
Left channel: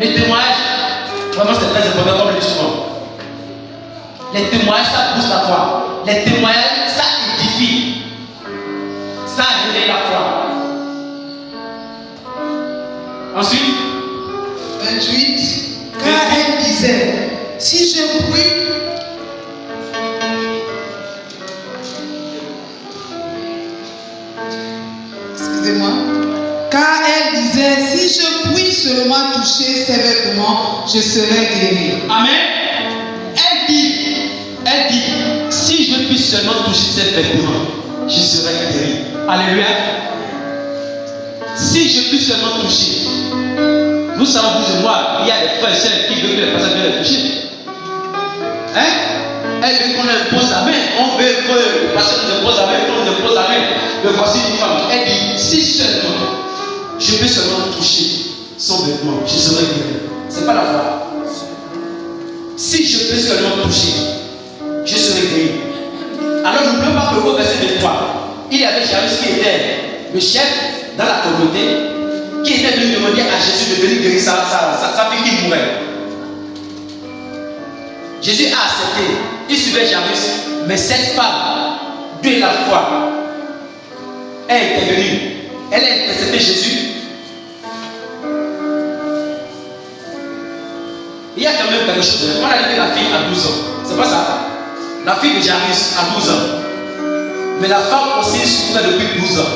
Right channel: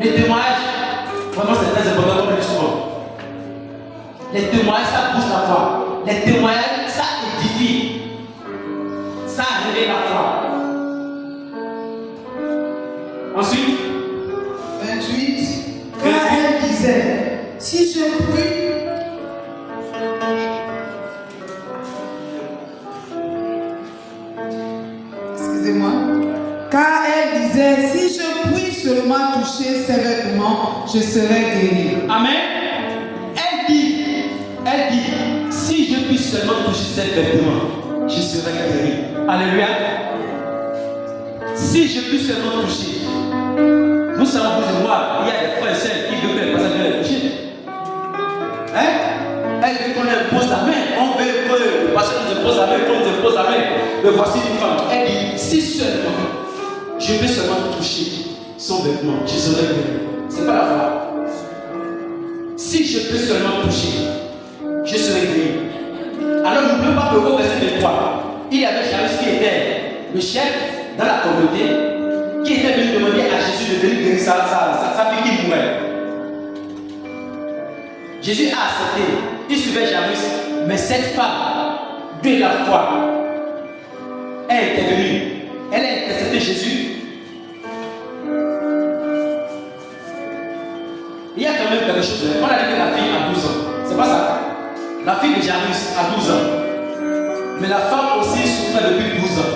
Les témoignages, vraiment c'est très important comme le dit souvent. Les témoignages, ça pousse la foi. Les témoignages, ça édifie. Ça réveille la foi. Ensuite, 28. Car elle disait, si je prie, excusez-moi, car elle disait, si je puis seulement toucher ses vêtements, je serai guéri. amen. Elle dit, si je puis seulement toucher ses vêtements, je serai guéri. Alléluia. Si je puis seulement toucher. Nous savons, vous et moi, il y a des frères et sœurs qui veulent que les personnes viennent les toucher. Elle veut qu'on impose la main. On veut que le pasteur nous impose la main, qu'on nous impose la main. Mais voici une femme. Elle dit, si seulement, je peux seulement toucher son vêtement, je serai guéri. Ce n'est pas la foi. Si je peux seulement toucher, je serai guéri. Alors n'oublions pas que au verset 23, il y avait Jairus qui était le chef dans la communauté, qui était venu demander à Jésus de venir guérir sa fille qui mourait. Jésus a accepté, il suivait Jairus, mais cette femme, de la foi, elle était venue, elle a intercédé Jésus. Il y a quand même quelque chose. On a dit que la fille a 12 ans, c'est pas ça? La fille de Jairus a 12 ans, mais la femme aussi souffrait depuis 12 ans.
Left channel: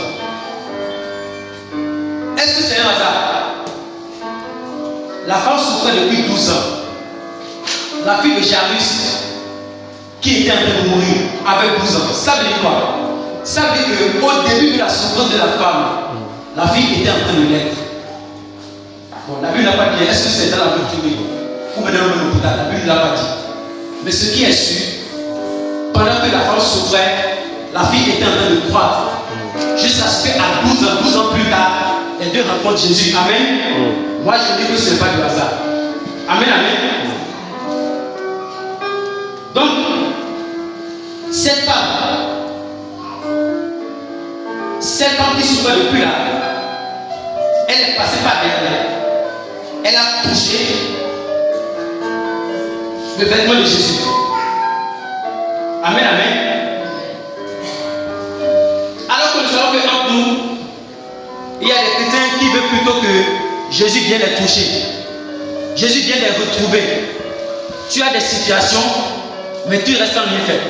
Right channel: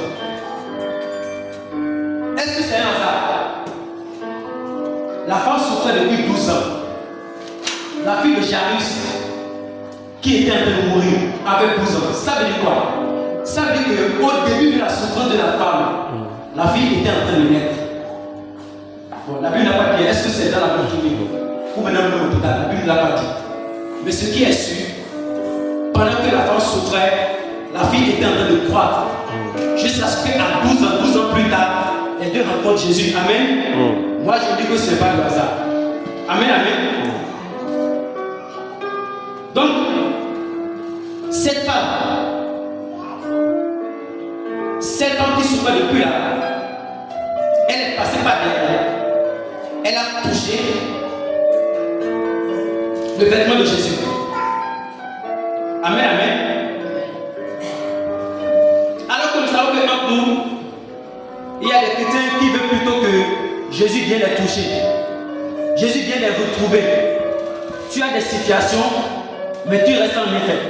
Est-ce que c'est un hasard? La femme souffrait depuis 12 ans. La fille de Jairus, qui était en train de mourir, avait 12 ans. Ça veut dire quoi? Ça veut dire qu'au début de la souffrance de la femme, la fille était en train de naître. Bon, la Bible n'a pas dit, est-ce que c'est dans la doctrine ou maintenant dans l'hôpital? La Bible ne l'a pas dit. Mais ce qui est sûr, souffrait, la fille était en train de croître. Jusqu'à ce qu'à 12 ans plus tard, les deux rencontrent Jésus. Amen. Moi, je dis que ce n'est pas du hasard. Amen, amen. Donc, cette femme qui souffrait depuis là, elle est passée par derrière. Elle a touché le vêtement de Jésus. Amen, amen. Alors que nous savons qu'entre nous, il y a des chrétiens qui veulent plutôt que Jésus vienne les toucher. Jésus vient les retrouver. Tu as des situations, mais tu restes en rien fait.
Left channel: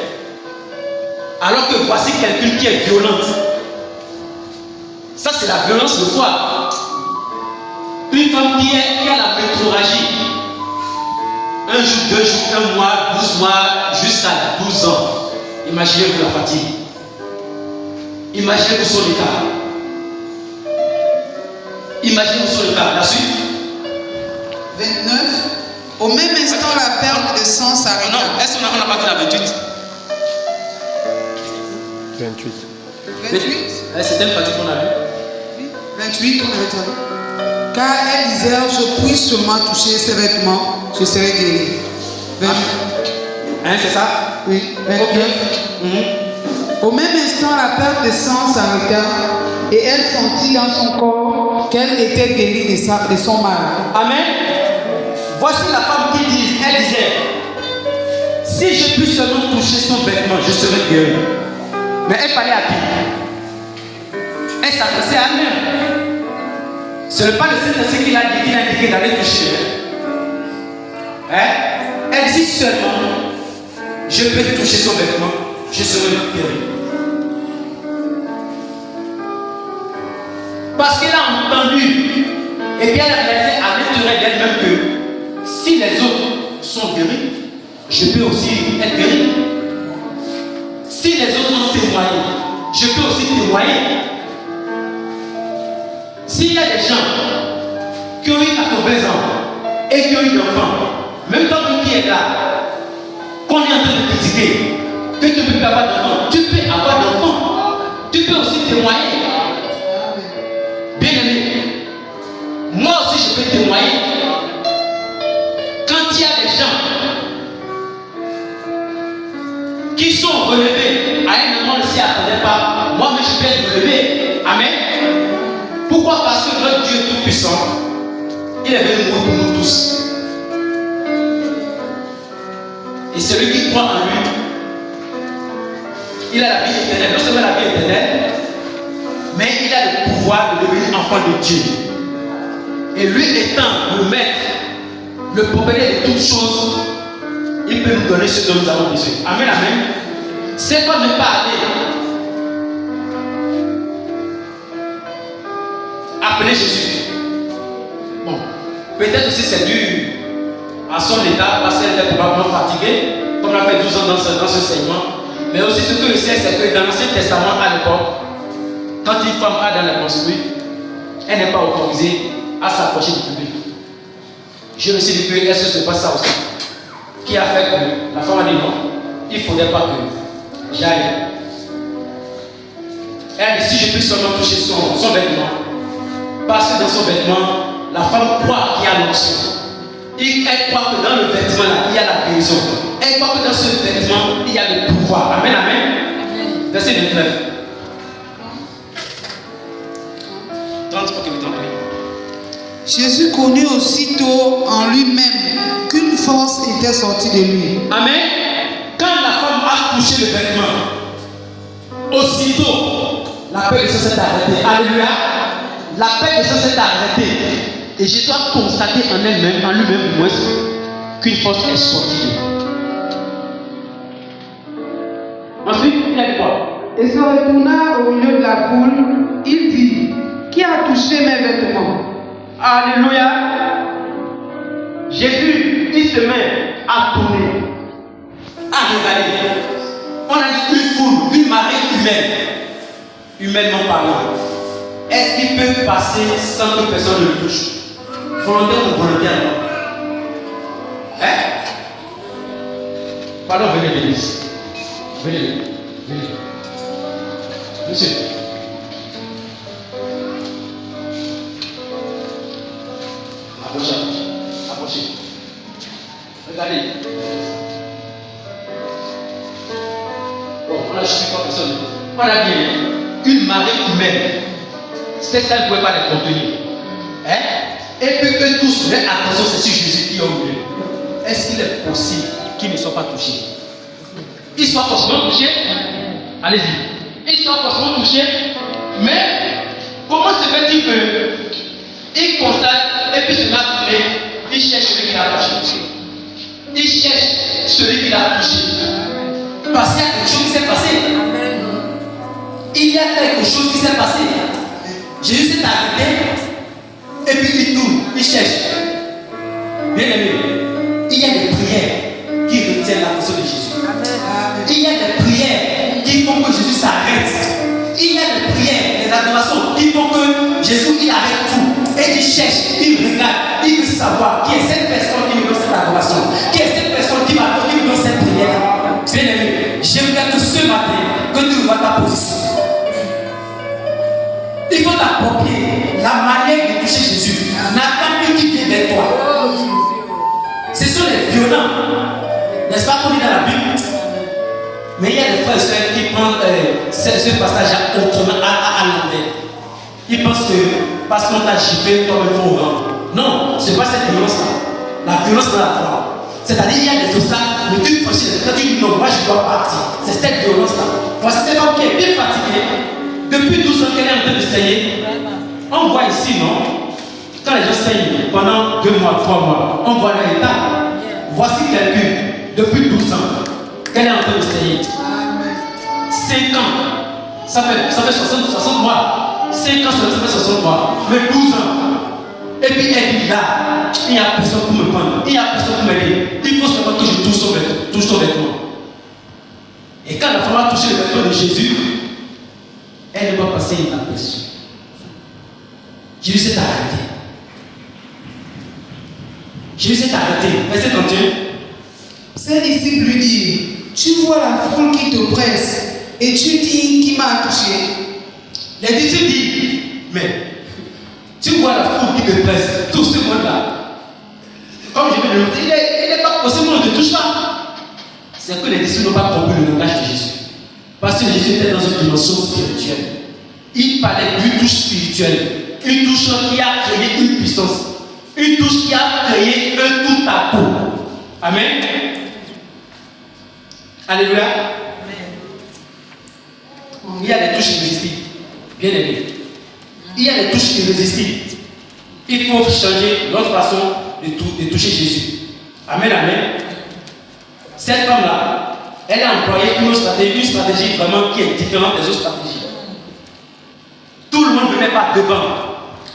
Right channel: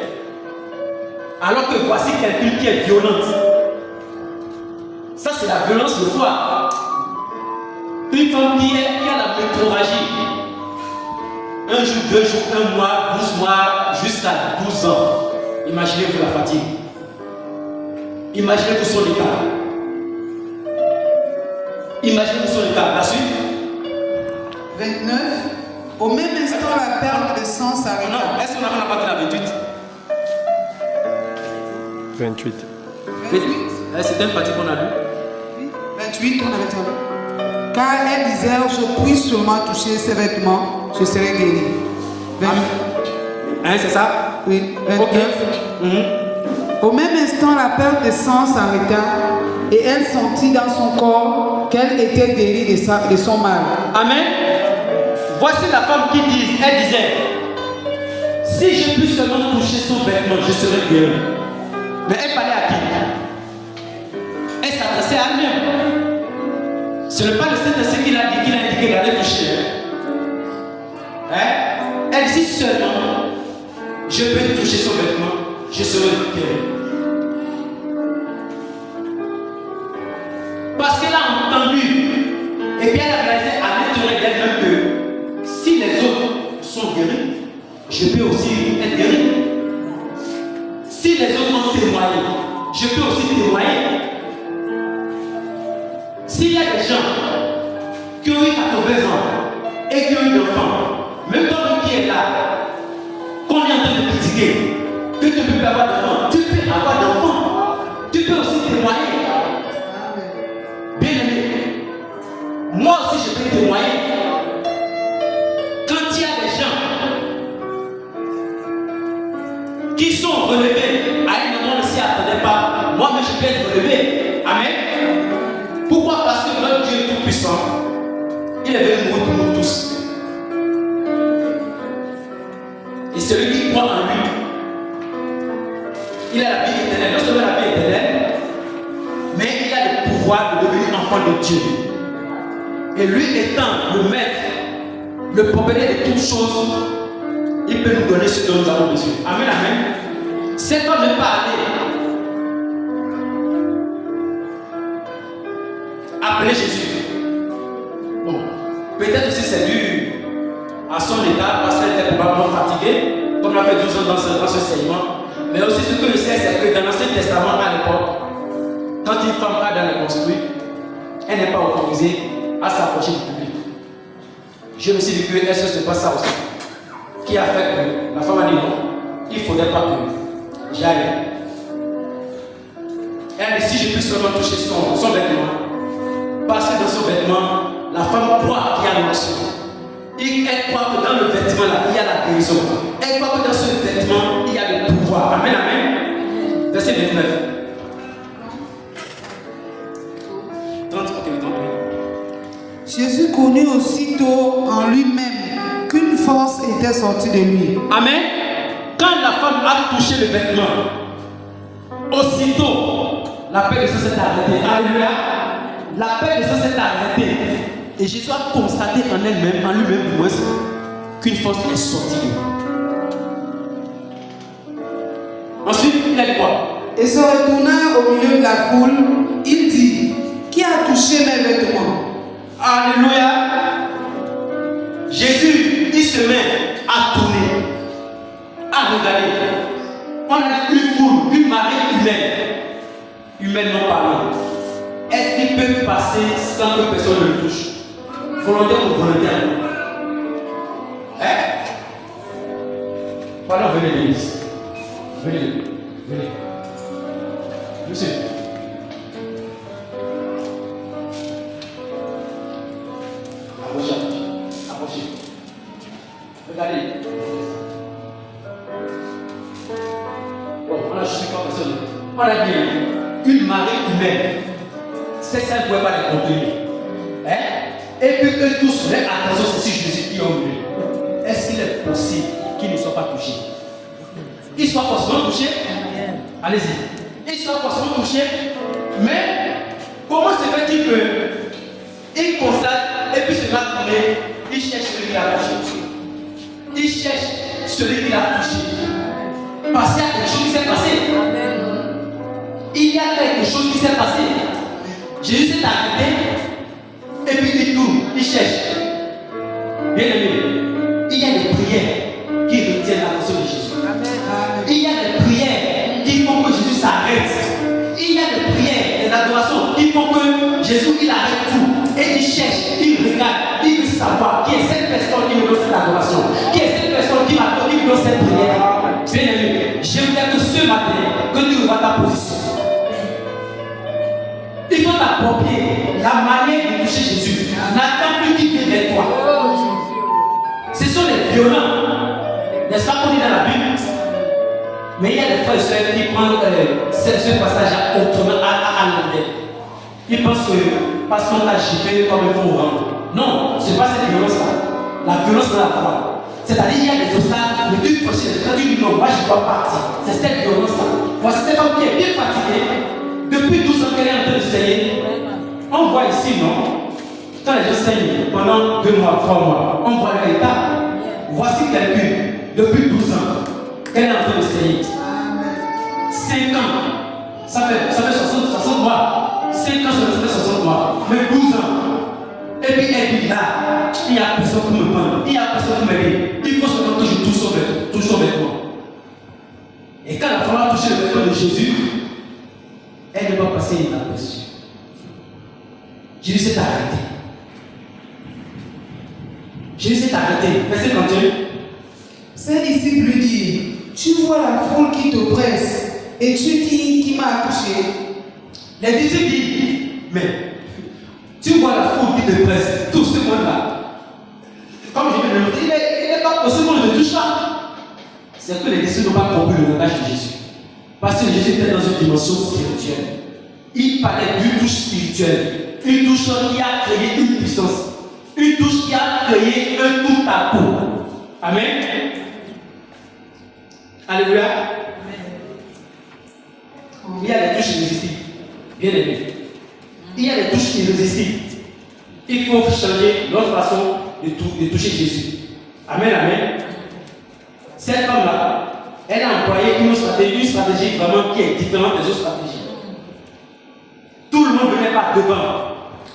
Alors que voici quelqu'un qui est violente. Ça, c'est la violence de foi. Une femme qui a la métrorragie. Un jour, 2 jours, 1 mois, 12 mois, jusqu'à 12 ans. Imaginez-vous la fatigue. Imaginez-vous son état. Imaginez-vous son état. La suite. 29. Au même instant, la perte de sang s'arrêta. Non, est-ce qu'on n'a pas vu la 28? 28. 28. C'était une fatigue qu'on a vue. 28, on avait dit. Car elle disait, je puis seulement toucher ses vêtements, je serai guéri. Hein, c'est ça? Oui. 29. Au même instant, la perte de sang s'arrêta et elle sentit dans son corps qu'elle était guérie de son mal. Amen. Voici la femme qui dit, elle disait, si je puis seulement toucher son vêtement, je serai guéri. Mais elle parlait à qui? Elle s'adressait à elle-même. Ce n'est pas le Saint-Esprit qui l'a indiqué d'aller toucher. Hein? Elle dit seulement, je peux toucher son vêtement, je serai guéri. Parce qu'elle a entendu, et bien elle a réalisé à l'intérieur d'elle-même que si les autres sont guéris, je peux aussi être guéri. Si les autres ont témoigné, je peux aussi témoigner. S'il y a des gens qui ont eu 80 ans et qui ont eu des enfants, même toi qui es là, qu'on est en train de critiquer, que tu ne peux pas avoir d'enfants, tu peux avoir d'enfants, tu peux aussi témoigner. Bien aimé, moi aussi je peux témoigner. Quand il y a des gens qui sont relevés à un moment ne s'y attendait pas, moi-même je peux être relevé. Amen. Pourquoi? Parce que notre Dieu est tout puissant. Il est venu mourir pour nous tous. Et celui qui croit en lui, il a la vie éternelle. Non seulement la vie éternelle, mais il a le pouvoir de devenir enfant de Dieu. Et lui étant le maître, le propriétaire de toutes choses, il peut nous donner ce dont nous avons besoin. Amen, amen. C'est pas ne pas aller appeler Jésus. Bon, peut-être aussi c'est dû à son état, parce qu'elle était probablement fatiguée, comme elle a fait 12 ans dans ce segment. Mais aussi ce que je sais, c'est que dans l'Ancien Testament à l'époque, quand une femme a dans la construit, elle n'est pas autorisée à s'approcher du public. Je me suis dit que est-ce que ce n'est pas ça aussi qui a fait que la femme a dit non, il ne faudrait pas que j'aille. Elle a dit si je puis seulement toucher son vêtement, parce que dans son vêtement, la femme croit qu'il y a l'onction. Elle croit que dans le vêtement là, il y a la guérison. Elle croit que dans ce vêtement, il y a le pouvoir. Amen, amen. Verset 29. 30, ok, 30. Jésus connut aussitôt en lui-même qu'une force était sortie de lui. Amen. Quand la femme a touché le vêtement, aussitôt, la paix de Dieu s'est arrêtée. Alléluia. La paix de Dieu s'est arrêtée. Et Jésus a constaté en elle-même, en lui-même du moins, qu'une force est sortie. Ensuite, il a dit quoi? Et se retourna au milieu de la foule, il dit, qui a touché mes vêtements? Alléluia. Jésus, il se met à tourner, à regarder. On a dit une foule, une marée humainement parlant. Est-ce qu'il peut passer sans que personne ne le touche? Volontaire ou volontairement? Hein? Pardon, venez l'église. Venez. Venez. Monsieur. Approchez. Approchez. Regardez. Bon, on a juste 50 personnes. On a bien une marée humaine. C'est ça ne pouvait pas les contenir. Hein? Et puis eux tous, mais attention, c'est sur Jésus qui ont vu. Est-ce qu'il est possible qu'ils ne soient pas touchés? Ils soient forcément touchés. Allez-y. Ils soient forcément touchés. Mais comment se fait-il qu'ils constatent et puis se mettent à tourner? Ils cherchent celui qui l'a touché. Ils cherchent celui qui l'a touché. Parce qu'il y a quelque chose qui s'est passé. Il y a quelque chose qui s'est passé. Jésus s'est arrêté. Et puis il tourne, il cherche. Bien aimé, il y a des prières qui retiennent l'attention de Jésus. Il y a des prières qui font que Jésus s'arrête. Il y a des prières, des adorations qui font que Jésus il arrête tout. Et il cherche, il regarde, il veut savoir qui est cette personne qui me donne cette adoration. Qui est cette personne qui me donne cette prière. Bien aimé, j'aimerais que ce matin, que tu revois ta position. Il faut t'approprier la manière de toucher Jésus. N'attends plus qu'il vienne vers toi. Ce sont les violents. N'est-ce pas qu'on dit dans la Bible? Mais il y a des frères et sœurs qui prennent ce passage autrement à l'envers. Ils pensent que parce qu'on t'a giflé, comme il faut rendre. Non, ce n'est pas cette violence-là. La violence dans la foi. C'est-à-dire qu'il y a des obstacles, mais tu franchis les obstacles, tu dis non, moi je dois partir. C'est cette violence-là. Voici cet homme qui est bien fatigué. Depuis 12 ans qu'elle est en train de saigner. On voit ici, non? Quand les gens saignent pendant 2 mois, 3 mois, on voit leur état. Voici quelqu'un, depuis 12 ans, qu'elle est en train de saigner. 5 ans, ça fait 60 mois. 5 ans, ça fait 60 mois. Mais 12 ans. Et puis elle dit là, il n'y a personne pour me prendre, il n'y a personne pour m'aider. Il faut seulement que je touche son vêtement. Et quand la femme a touché le vêtement de Jésus, elle ne va passer inaperçue. Jésus s'est arrêté. Jésus s'est arrêté. Verset 31. Ses disciples lui disent, tu vois la foule qui te presse et tu dis qui m'a touché. Les disciples disent, mais tu vois la foule qui te presse, tout ce monde-là. Comme je viens de le dire, il n'est pas possible qu'on ne te touche pas. C'est que les disciples n'ont pas compris le langage de Jésus. Parce que Jésus était dans une dimension spirituelle. Il parlait d'une touche spirituelle. Une touche qui a créé une puissance. Une touche qui a créé un tout à coup. Amen. Alléluia. Il y a des touches irrésistibles. Bien aimé. Il y a des touches irrésistibles. Il faut changer notre façon de toucher Jésus. Amen, amen. Cette femme-là, elle a employé une stratégie vraiment qui est différente des autres stratégies. Tout le monde ne venait pas devant.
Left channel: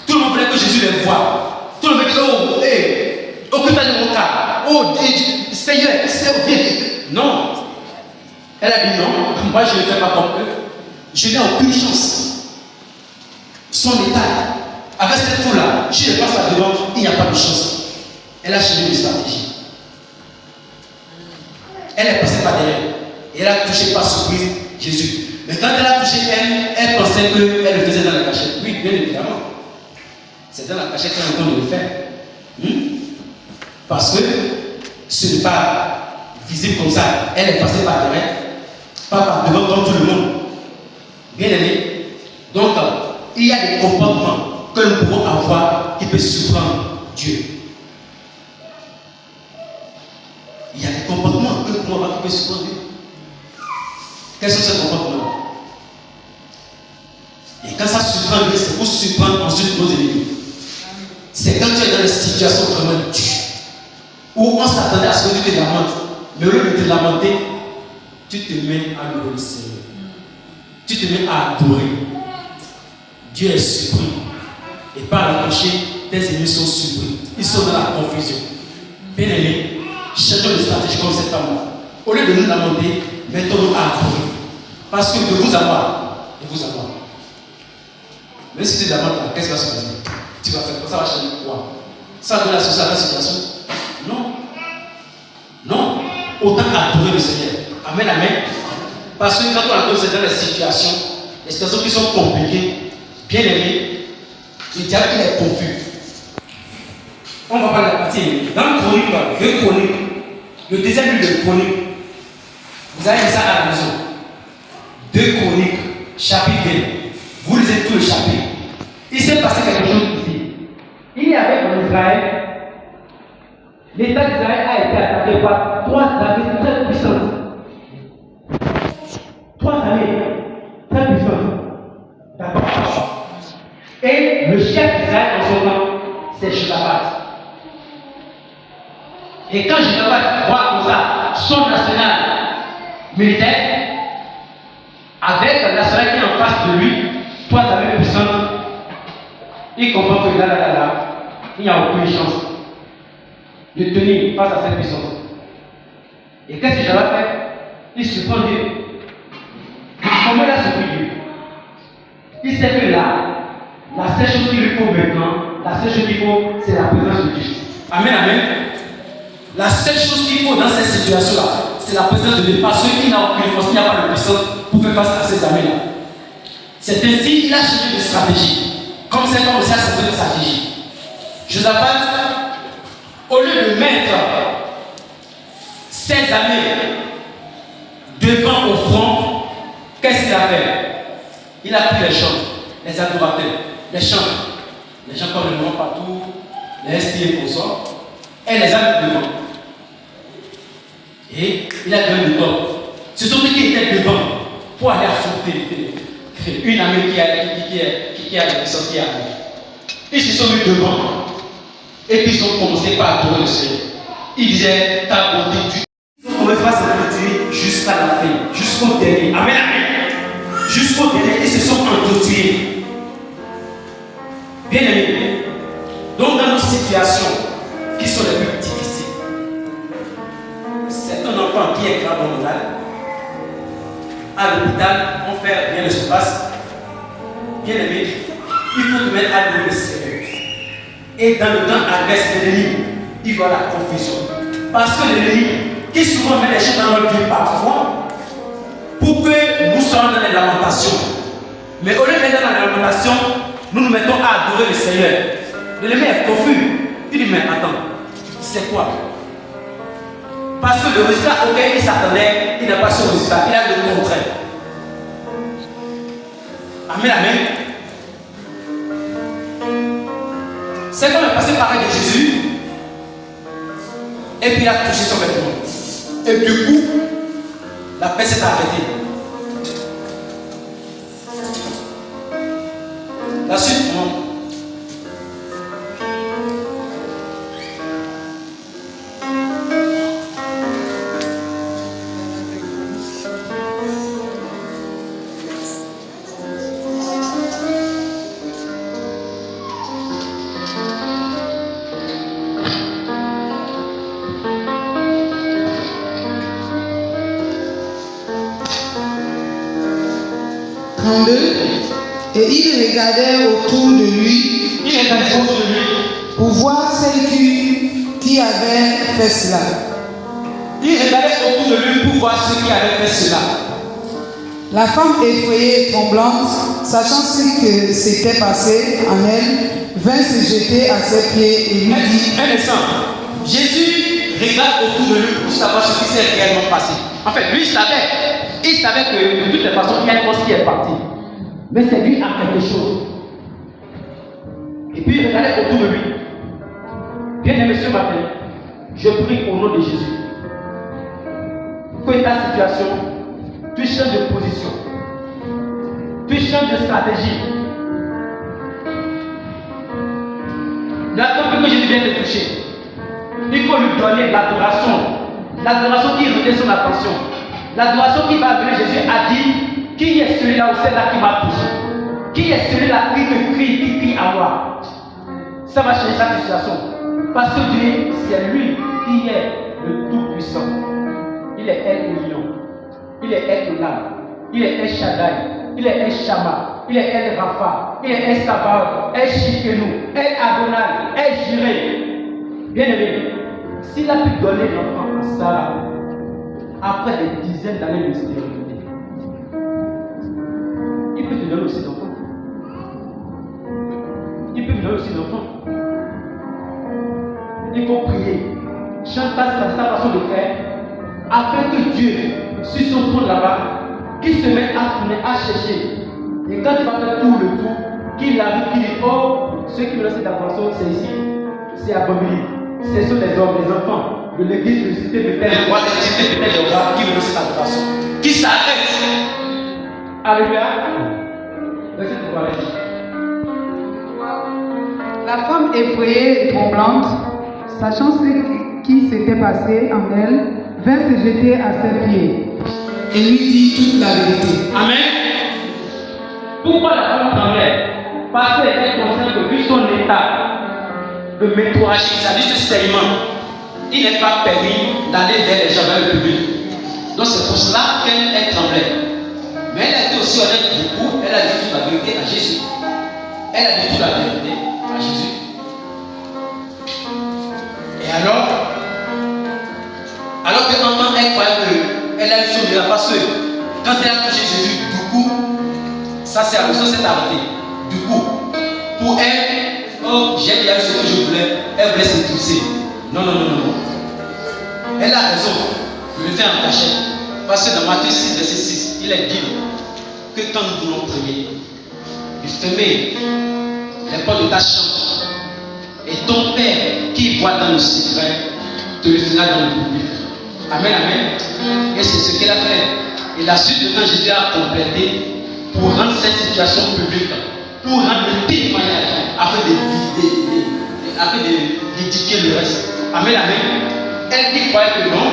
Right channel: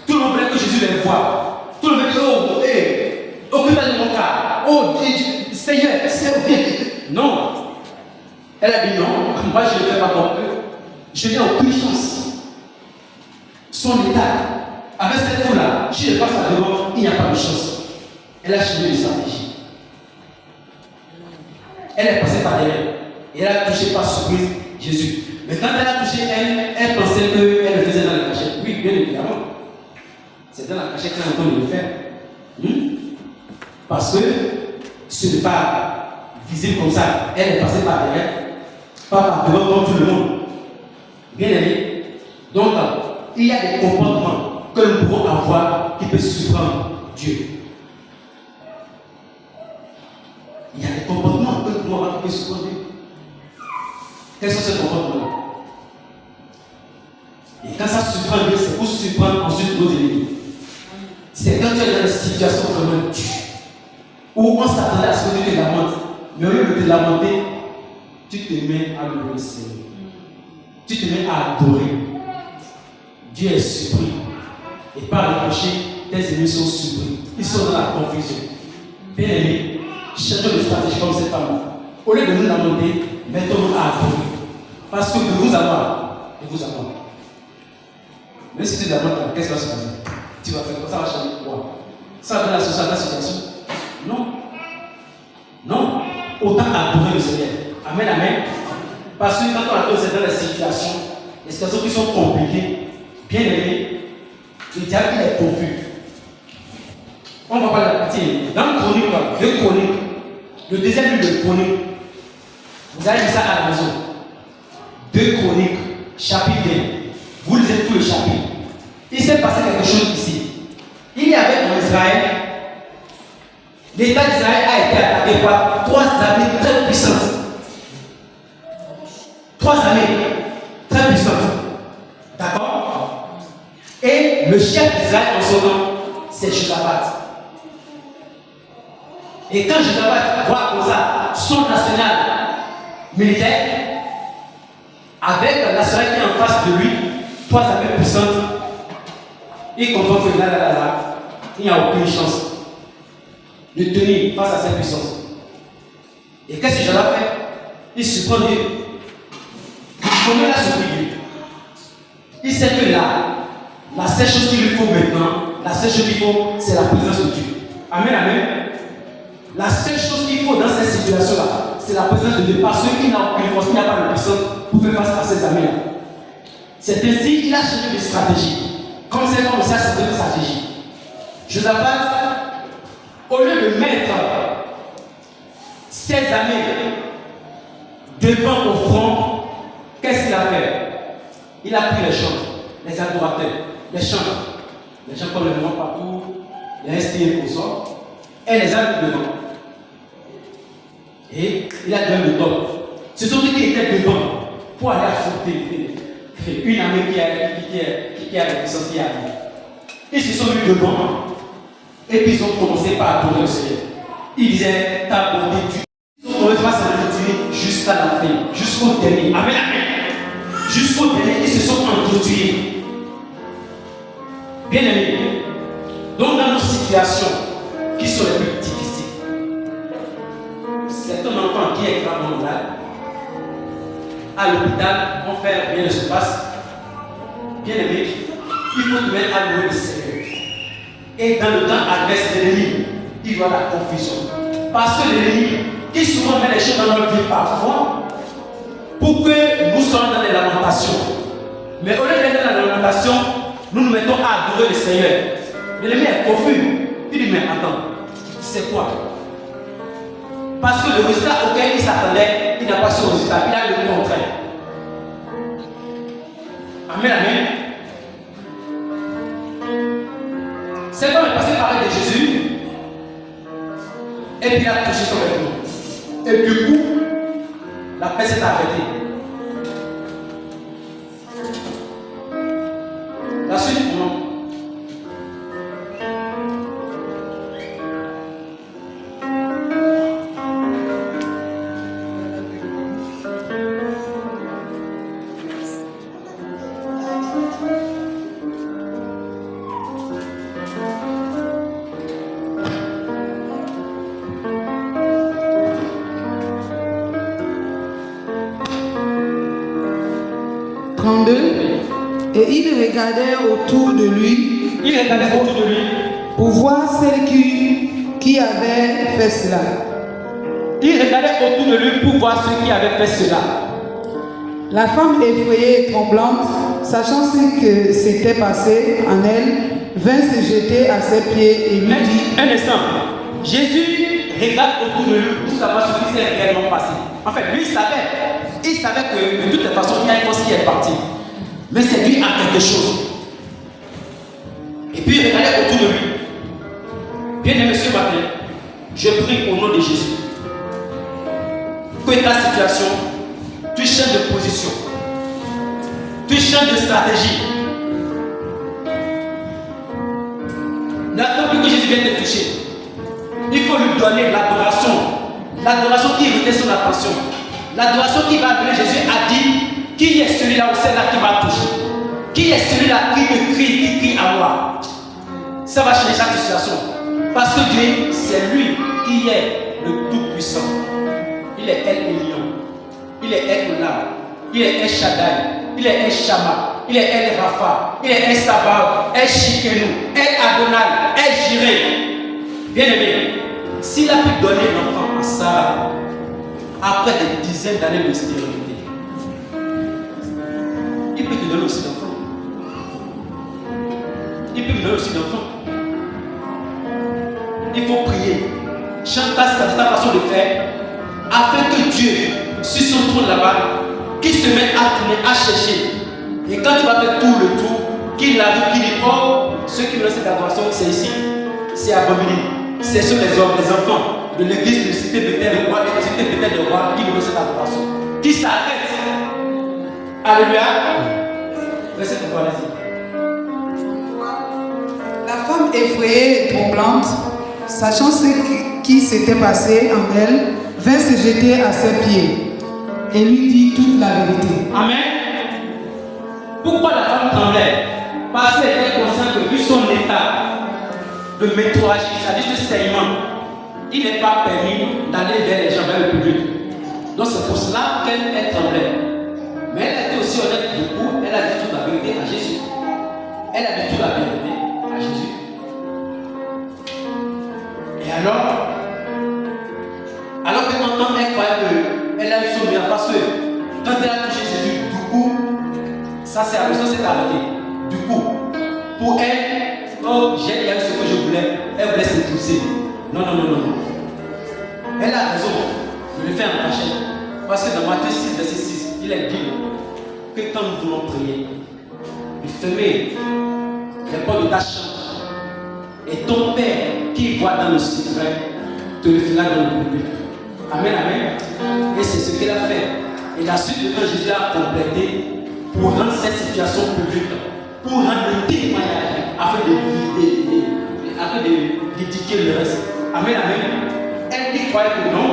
Tout le monde voulait que Jésus les voie. Tout le monde dit, oh, hey, occupe-toi de mon cas. Oh, Seigneur, viens. Non. Elle a dit non, moi je ne le fais pas comme eux. Je n'ai aucune chance. Son état, avec cette foule-là, je ne passe pas devant, il n'y a pas de chance. Elle a changé de stratégie. Elle est passée par derrière. Et elle a touché par surprise Jésus. Mais quand elle a touché elle pensait qu'elle le faisait dans la cachette. Oui, bien évidemment. C'est dans la cachette qu'elle est en train de le faire. Parce que ce n'est pas visible comme ça. Elle est passée par derrière, pas par devant comme tout le monde. Bien aimé. Donc, il y a des comportements que nous pouvons avoir qui peuvent surprendre Dieu. Il y a des comportements que nous pouvons avoir qui peuvent surprendre Dieu. Quels sont ces comportements-là? Et quand ça surprend Dieu, c'est pour surprendre ensuite nos ennemis. C'est quand tu es dans des situations vraiment dures, où on s'attendait à ce que tu te lamentes, mais au lieu de te lamenter, tu te mets à louer le Seigneur. Tu te mets à adorer. Dieu est surpris. Et par le péché, tes ennemis sont surpris. Ils sont dans la confusion. Bien aimé, changeons de stratégie comme cette femme-là. Au lieu de nous lamenter, mettons-nous à adorer. Parce que de vous avoir. Même si tu te lamentes, qu'est-ce qui va se passer? Tu vas faire quoi? Ça va changer quoi? Ça va donner la situation? Non. Non. Autant adorer le Seigneur. Amen, amen. Parce que quand on a dans les situations qui sont compliquées, bien aimé, le diable il est confus. On va parler de la partie dans Chronique, 2 Chroniques, le deuxième livre de Chronique. Vous avez lu ça à la maison. 2 Chroniques, chapitre 20. Vous lisez tout le chapitre. Il s'est passé quelque chose ici. Il y avait en Israël, l'État d'Israël a été attaqué par 3 armées très puissantes. 3 armées très puissantes. D'accord? Et le chef d'Israël en son nom, c'est Josaphat. Et quand Josaphat voit comme ça son national militaire, avec un national qui est en face de lui, 3 armées puissantes, il comprend que là, il n'y a aucune chance de tenir face à cette puissance. Et qu'est-ce que Josaphat fait? Il se prend Dieu. Il commet là sur Dieu. Il sait que là, la seule chose qu'il lui faut maintenant, la seule chose qu'il faut, c'est la présence de Dieu. Amen, amen. La seule chose qu'il faut dans cette situation-là, c'est la présence de Dieu. Parce qu'il n'a aucune force, il n'y a pas de puissance pour faire face à ces armées-là. C'est ainsi qu'il a changé de stratégie. Comme cet homme aussi a changé de stratégie. Josaphat, au lieu de mettre ses armées devant au front, qu'est-ce qu'il a fait? Il a pris les chants, les adorateurs, les chants comme le nom partout, les STI pour ça, et les a mis devant. Et il a donné le top. Ce sont ceux qui étaient devant pour aller affronter une armée qui a la puissance qui a. Ils se sont mis devant et puis ils ont commencé par adorer le Seigneur. Ils disaient ta bonté, Dieu. Ils ont commencé par se retirer jusqu'à la fin, jusqu'au dernier. Amen, amen. Jusqu'au dernier, ils se sont entretués. Bien aimé. Donc dans nos situations qui sont les plus difficiles, c'est un enfant qui est gravement malade. À l'hôpital, on fait bien se passe. Bien aimé, il faut te mettre à louer le Seigneur. Et dans le temps adverse de l'ennemi, il y aura la confusion. Parce que l'ennemi, qui souvent met les choses dans notre vie parfois, pour que nous soyons dans les lamentations. Mais au lieu d'être dans la lamentation, nous nous mettons à adorer le Seigneur. L'ennemi est confus. Il dit, mais attends, c'est quoi? Parce que le résultat auquel il s'attendait, il n'a pas ce résultat, il a le contraire. Amen, amen. C'est quand il est passé par de Jésus, et puis il a touché son vêtement. Et du coup, la paix s'est arrêtée. La suite, moi. Et il regardait autour de lui, pour voir celle qui avait fait cela. Il regardait autour de lui pour voir ceux qui avaient fait cela. La femme effrayée et tremblante, sachant ce que s'était passé en elle, vint se jeter à ses pieds et lui dit... Un instant. Jésus regarde autour de lui pour savoir ce qui s'est réellement passé. En fait, lui, il savait que de toutes les façons, il y a une force qui est partie. Mais c'est lui à quelque chose. Et puis il regardait autour de lui. Bien aimé ce matin, je prie au nom de Jésus que ta situation, tu changes de position, tu changes de stratégie. N'attends plus que Jésus vienne te toucher. Il faut lui donner l'adoration qui retient son attention, l'adoration qui va amener Jésus a dit. Qui est celui-là ou celle-là qui m'a touché? Qui est celui-là qui me crie, qui crie à moi? Ça va changer chaque situation. Parce que Dieu, c'est lui qui est le Tout-Puissant. Il est El Elyon. Il est El Olam. Il est El Shaddai. Il est El Shammah. Il est El Rapha. Il est El Sabbath. El Shikenu. El Adonai. El Jireh. Bien aimé, s'il a pu donner l'enfant à Sarah après des dizaines d'années de stérilité, donner aussi d'enfants. Il peut me donner aussi d'enfants. Il faut prier. Change ta façon de faire afin que Dieu, sur son trône là-bas, qu'il se mette à tourner, à chercher. Et quand il va faire tout le tour, qu'il arrive, qu'il dit, oh, ceux qui me donnent cette adoration, c'est ici, c'est à Bobigny. Ce sont les hommes, les enfants de l'église de Cité Bethel, le roi, de Cité Bethel, le roi, qui me donnent cette adoration. Qui s'arrête. Alléluia. Verset 3, vas-y. La femme effrayée et tremblante, sachant ce qui s'était passé en elle, vint se jeter à ses pieds et lui dit toute la vérité. Amen. Pourquoi la femme tremblait? Parce qu'elle était consciente que vu son état de métrorragie, c'est-à-dire de saignement, il n'est pas permis d'aller vers les gens dans le public. Donc c'est pour cela qu'elle tremblait. Mais elle a été aussi honnête du coup, elle a dit toute la vérité à Jésus. Elle a dit toute la vérité à Jésus. Et alors qu'elle entend, elle croyait qu'elle a eu son miracle. Parce que quand elle a touché Jésus, du coup, ça s'est arrêté. Du coup, pour elle, oh, j'ai déjà eu ce que je voulais, elle voulait s'étouffer. Non. Elle a raison de le faire en cachette. Parce que dans Matthieu 6, verset 6, il est dit que quand nous voulons prier, de fermer les portes de ta chambre. Et ton Père qui voit dans le secret te le fera dans le public. Amen, amen. Et c'est ce qu'elle a fait. Et la suite de temps, Jésus a complété pour rendre cette situation publique, pour rendre le témoignage, afin d'édifier le reste. Amen, amen. Elle qui croyait que non,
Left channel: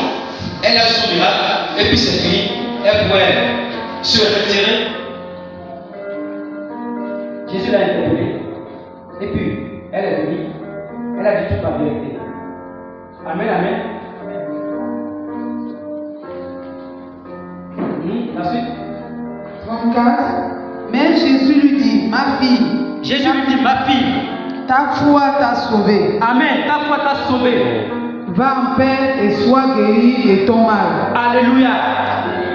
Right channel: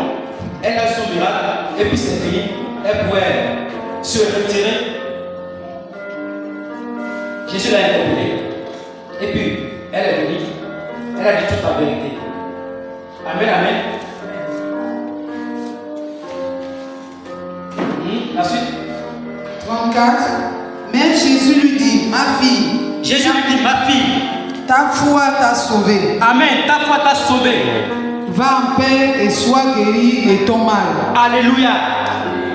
elle a eu son miracle, et puis c'est fini. Elle pourrait se retirer. Jésus l'a interpellée. Et puis, elle est venue. Elle a dit toute la vérité. Amen, amen. La suite. 34. Mais Jésus lui dit, ma fille. Jésus lui dit, ma fille. Ta foi t'a sauvée. Amen. Ta foi t'a sauvée. Va en paix et sois guéri de ton mal. Alléluia.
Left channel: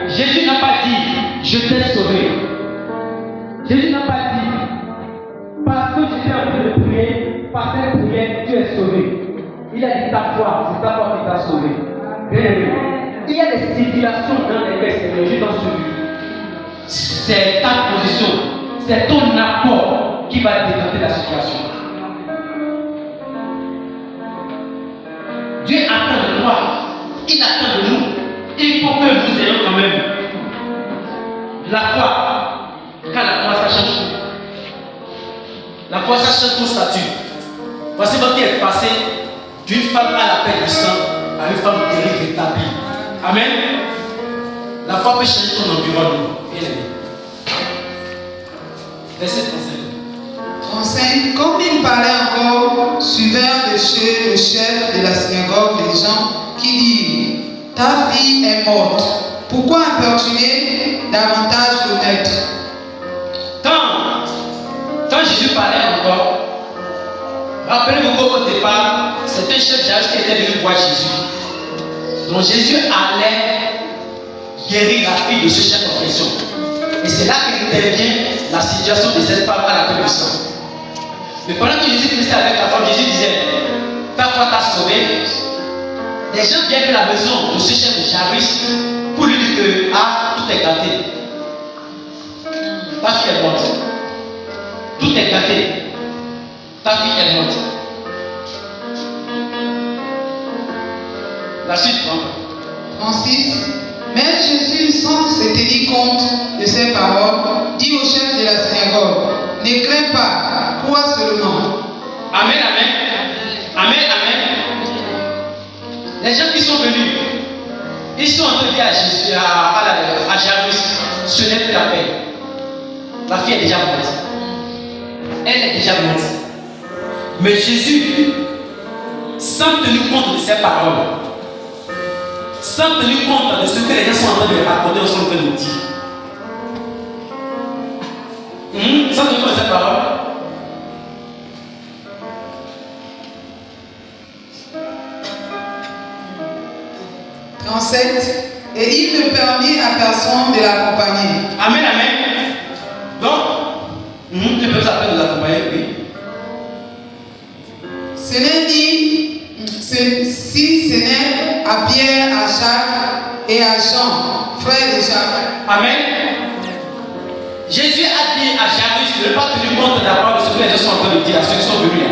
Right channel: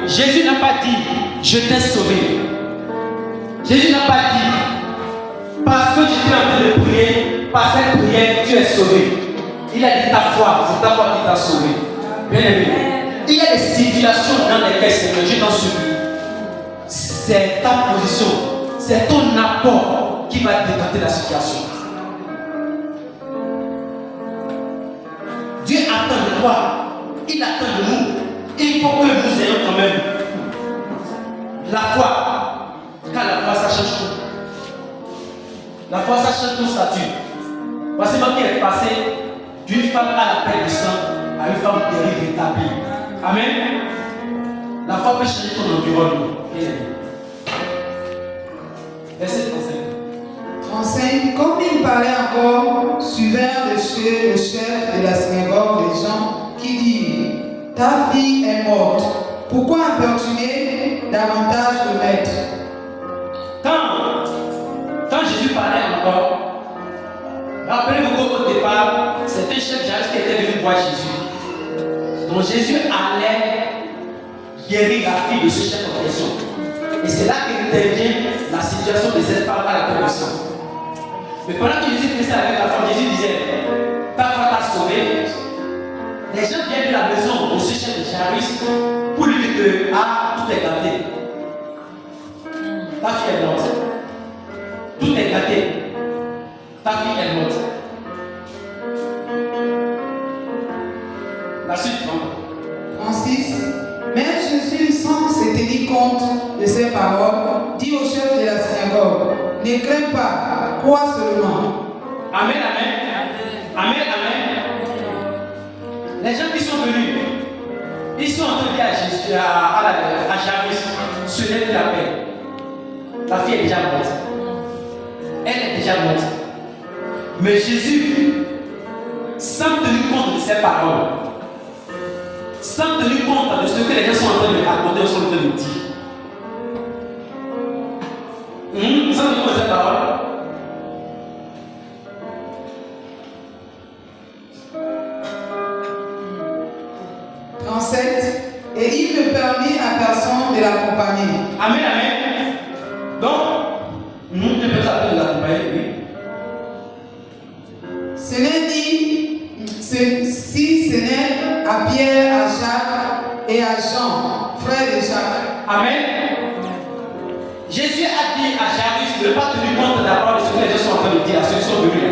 Jésus n'a pas dit, je t'ai sauvé. Jésus n'a pas dit, parce que j'étais en train de prier, par cette prière, tu es sauvé. Il a dit ta foi, c'est ta foi qui t'a sauvé. Bien aimé. Il y a des situations dans lesquelles je t'en supplie. C'est ta position, c'est ton apport qui va décanter la situation. Dieu attend de toi, il attend de nous. Il faut que nous ayons quand même la foi. Car la foi, ça change tout. La foi, ça change ton statut. Voici ce qui est passé d'une femme à la perte du sang à une femme guérie, rétablie. Amen. La foi peut changer ton environnement. Verset 35. Comme il parlait encore, suivèrent de chez le chef de la synagogue les gens qui dirent, ta fille est morte. Pourquoi importuner davantage le maître? Quand Jésus parlait encore, rappelez-vous qu'au départ, c'était un chef Jairus qui était venu voir Jésus. Donc Jésus allait guérir la fille de ce chef en question. Et c'est là qu'intervient la situation de cette femme à la perte du sang. Mais pendant que Jésus faisait avec la femme, Jésus disait, ta foi t'a sauvé. Les gens viennent de la maison de ce chef de Jairus pour lui dire que tout est gâté. Ta fille est morte. Tout est gâté. Ta fille est morte. La suite, 36. Mais Jésus, sans se tenir compte de ces paroles, dit au chef de la synagogue, ne crains pas, crois seulement. Amen, amen. Amen, amen. Les gens qui sont venus, ils sont en train de dire à Jairus, ce n'est plus la peine. La fille est déjà morte. Elle est déjà morte. Mais Jésus, sans tenir compte de ses paroles, sans tenir compte de ce que les gens sont en train de raconter, sont en train de dire, sans tenir compte de ses paroles, et il ne permit à personne de l'accompagner. Amen, amen. Donc, la peine de l'accompagner, oui. Ce n'est dit, si ce n'est à Pierre, à Jacques et à Jean, frère de Jacques. Amen. Jésus a dit à Jairus de ne pas tenir compte d'abord de ce que les gens sont en train de dire à ceux qui sont venus là.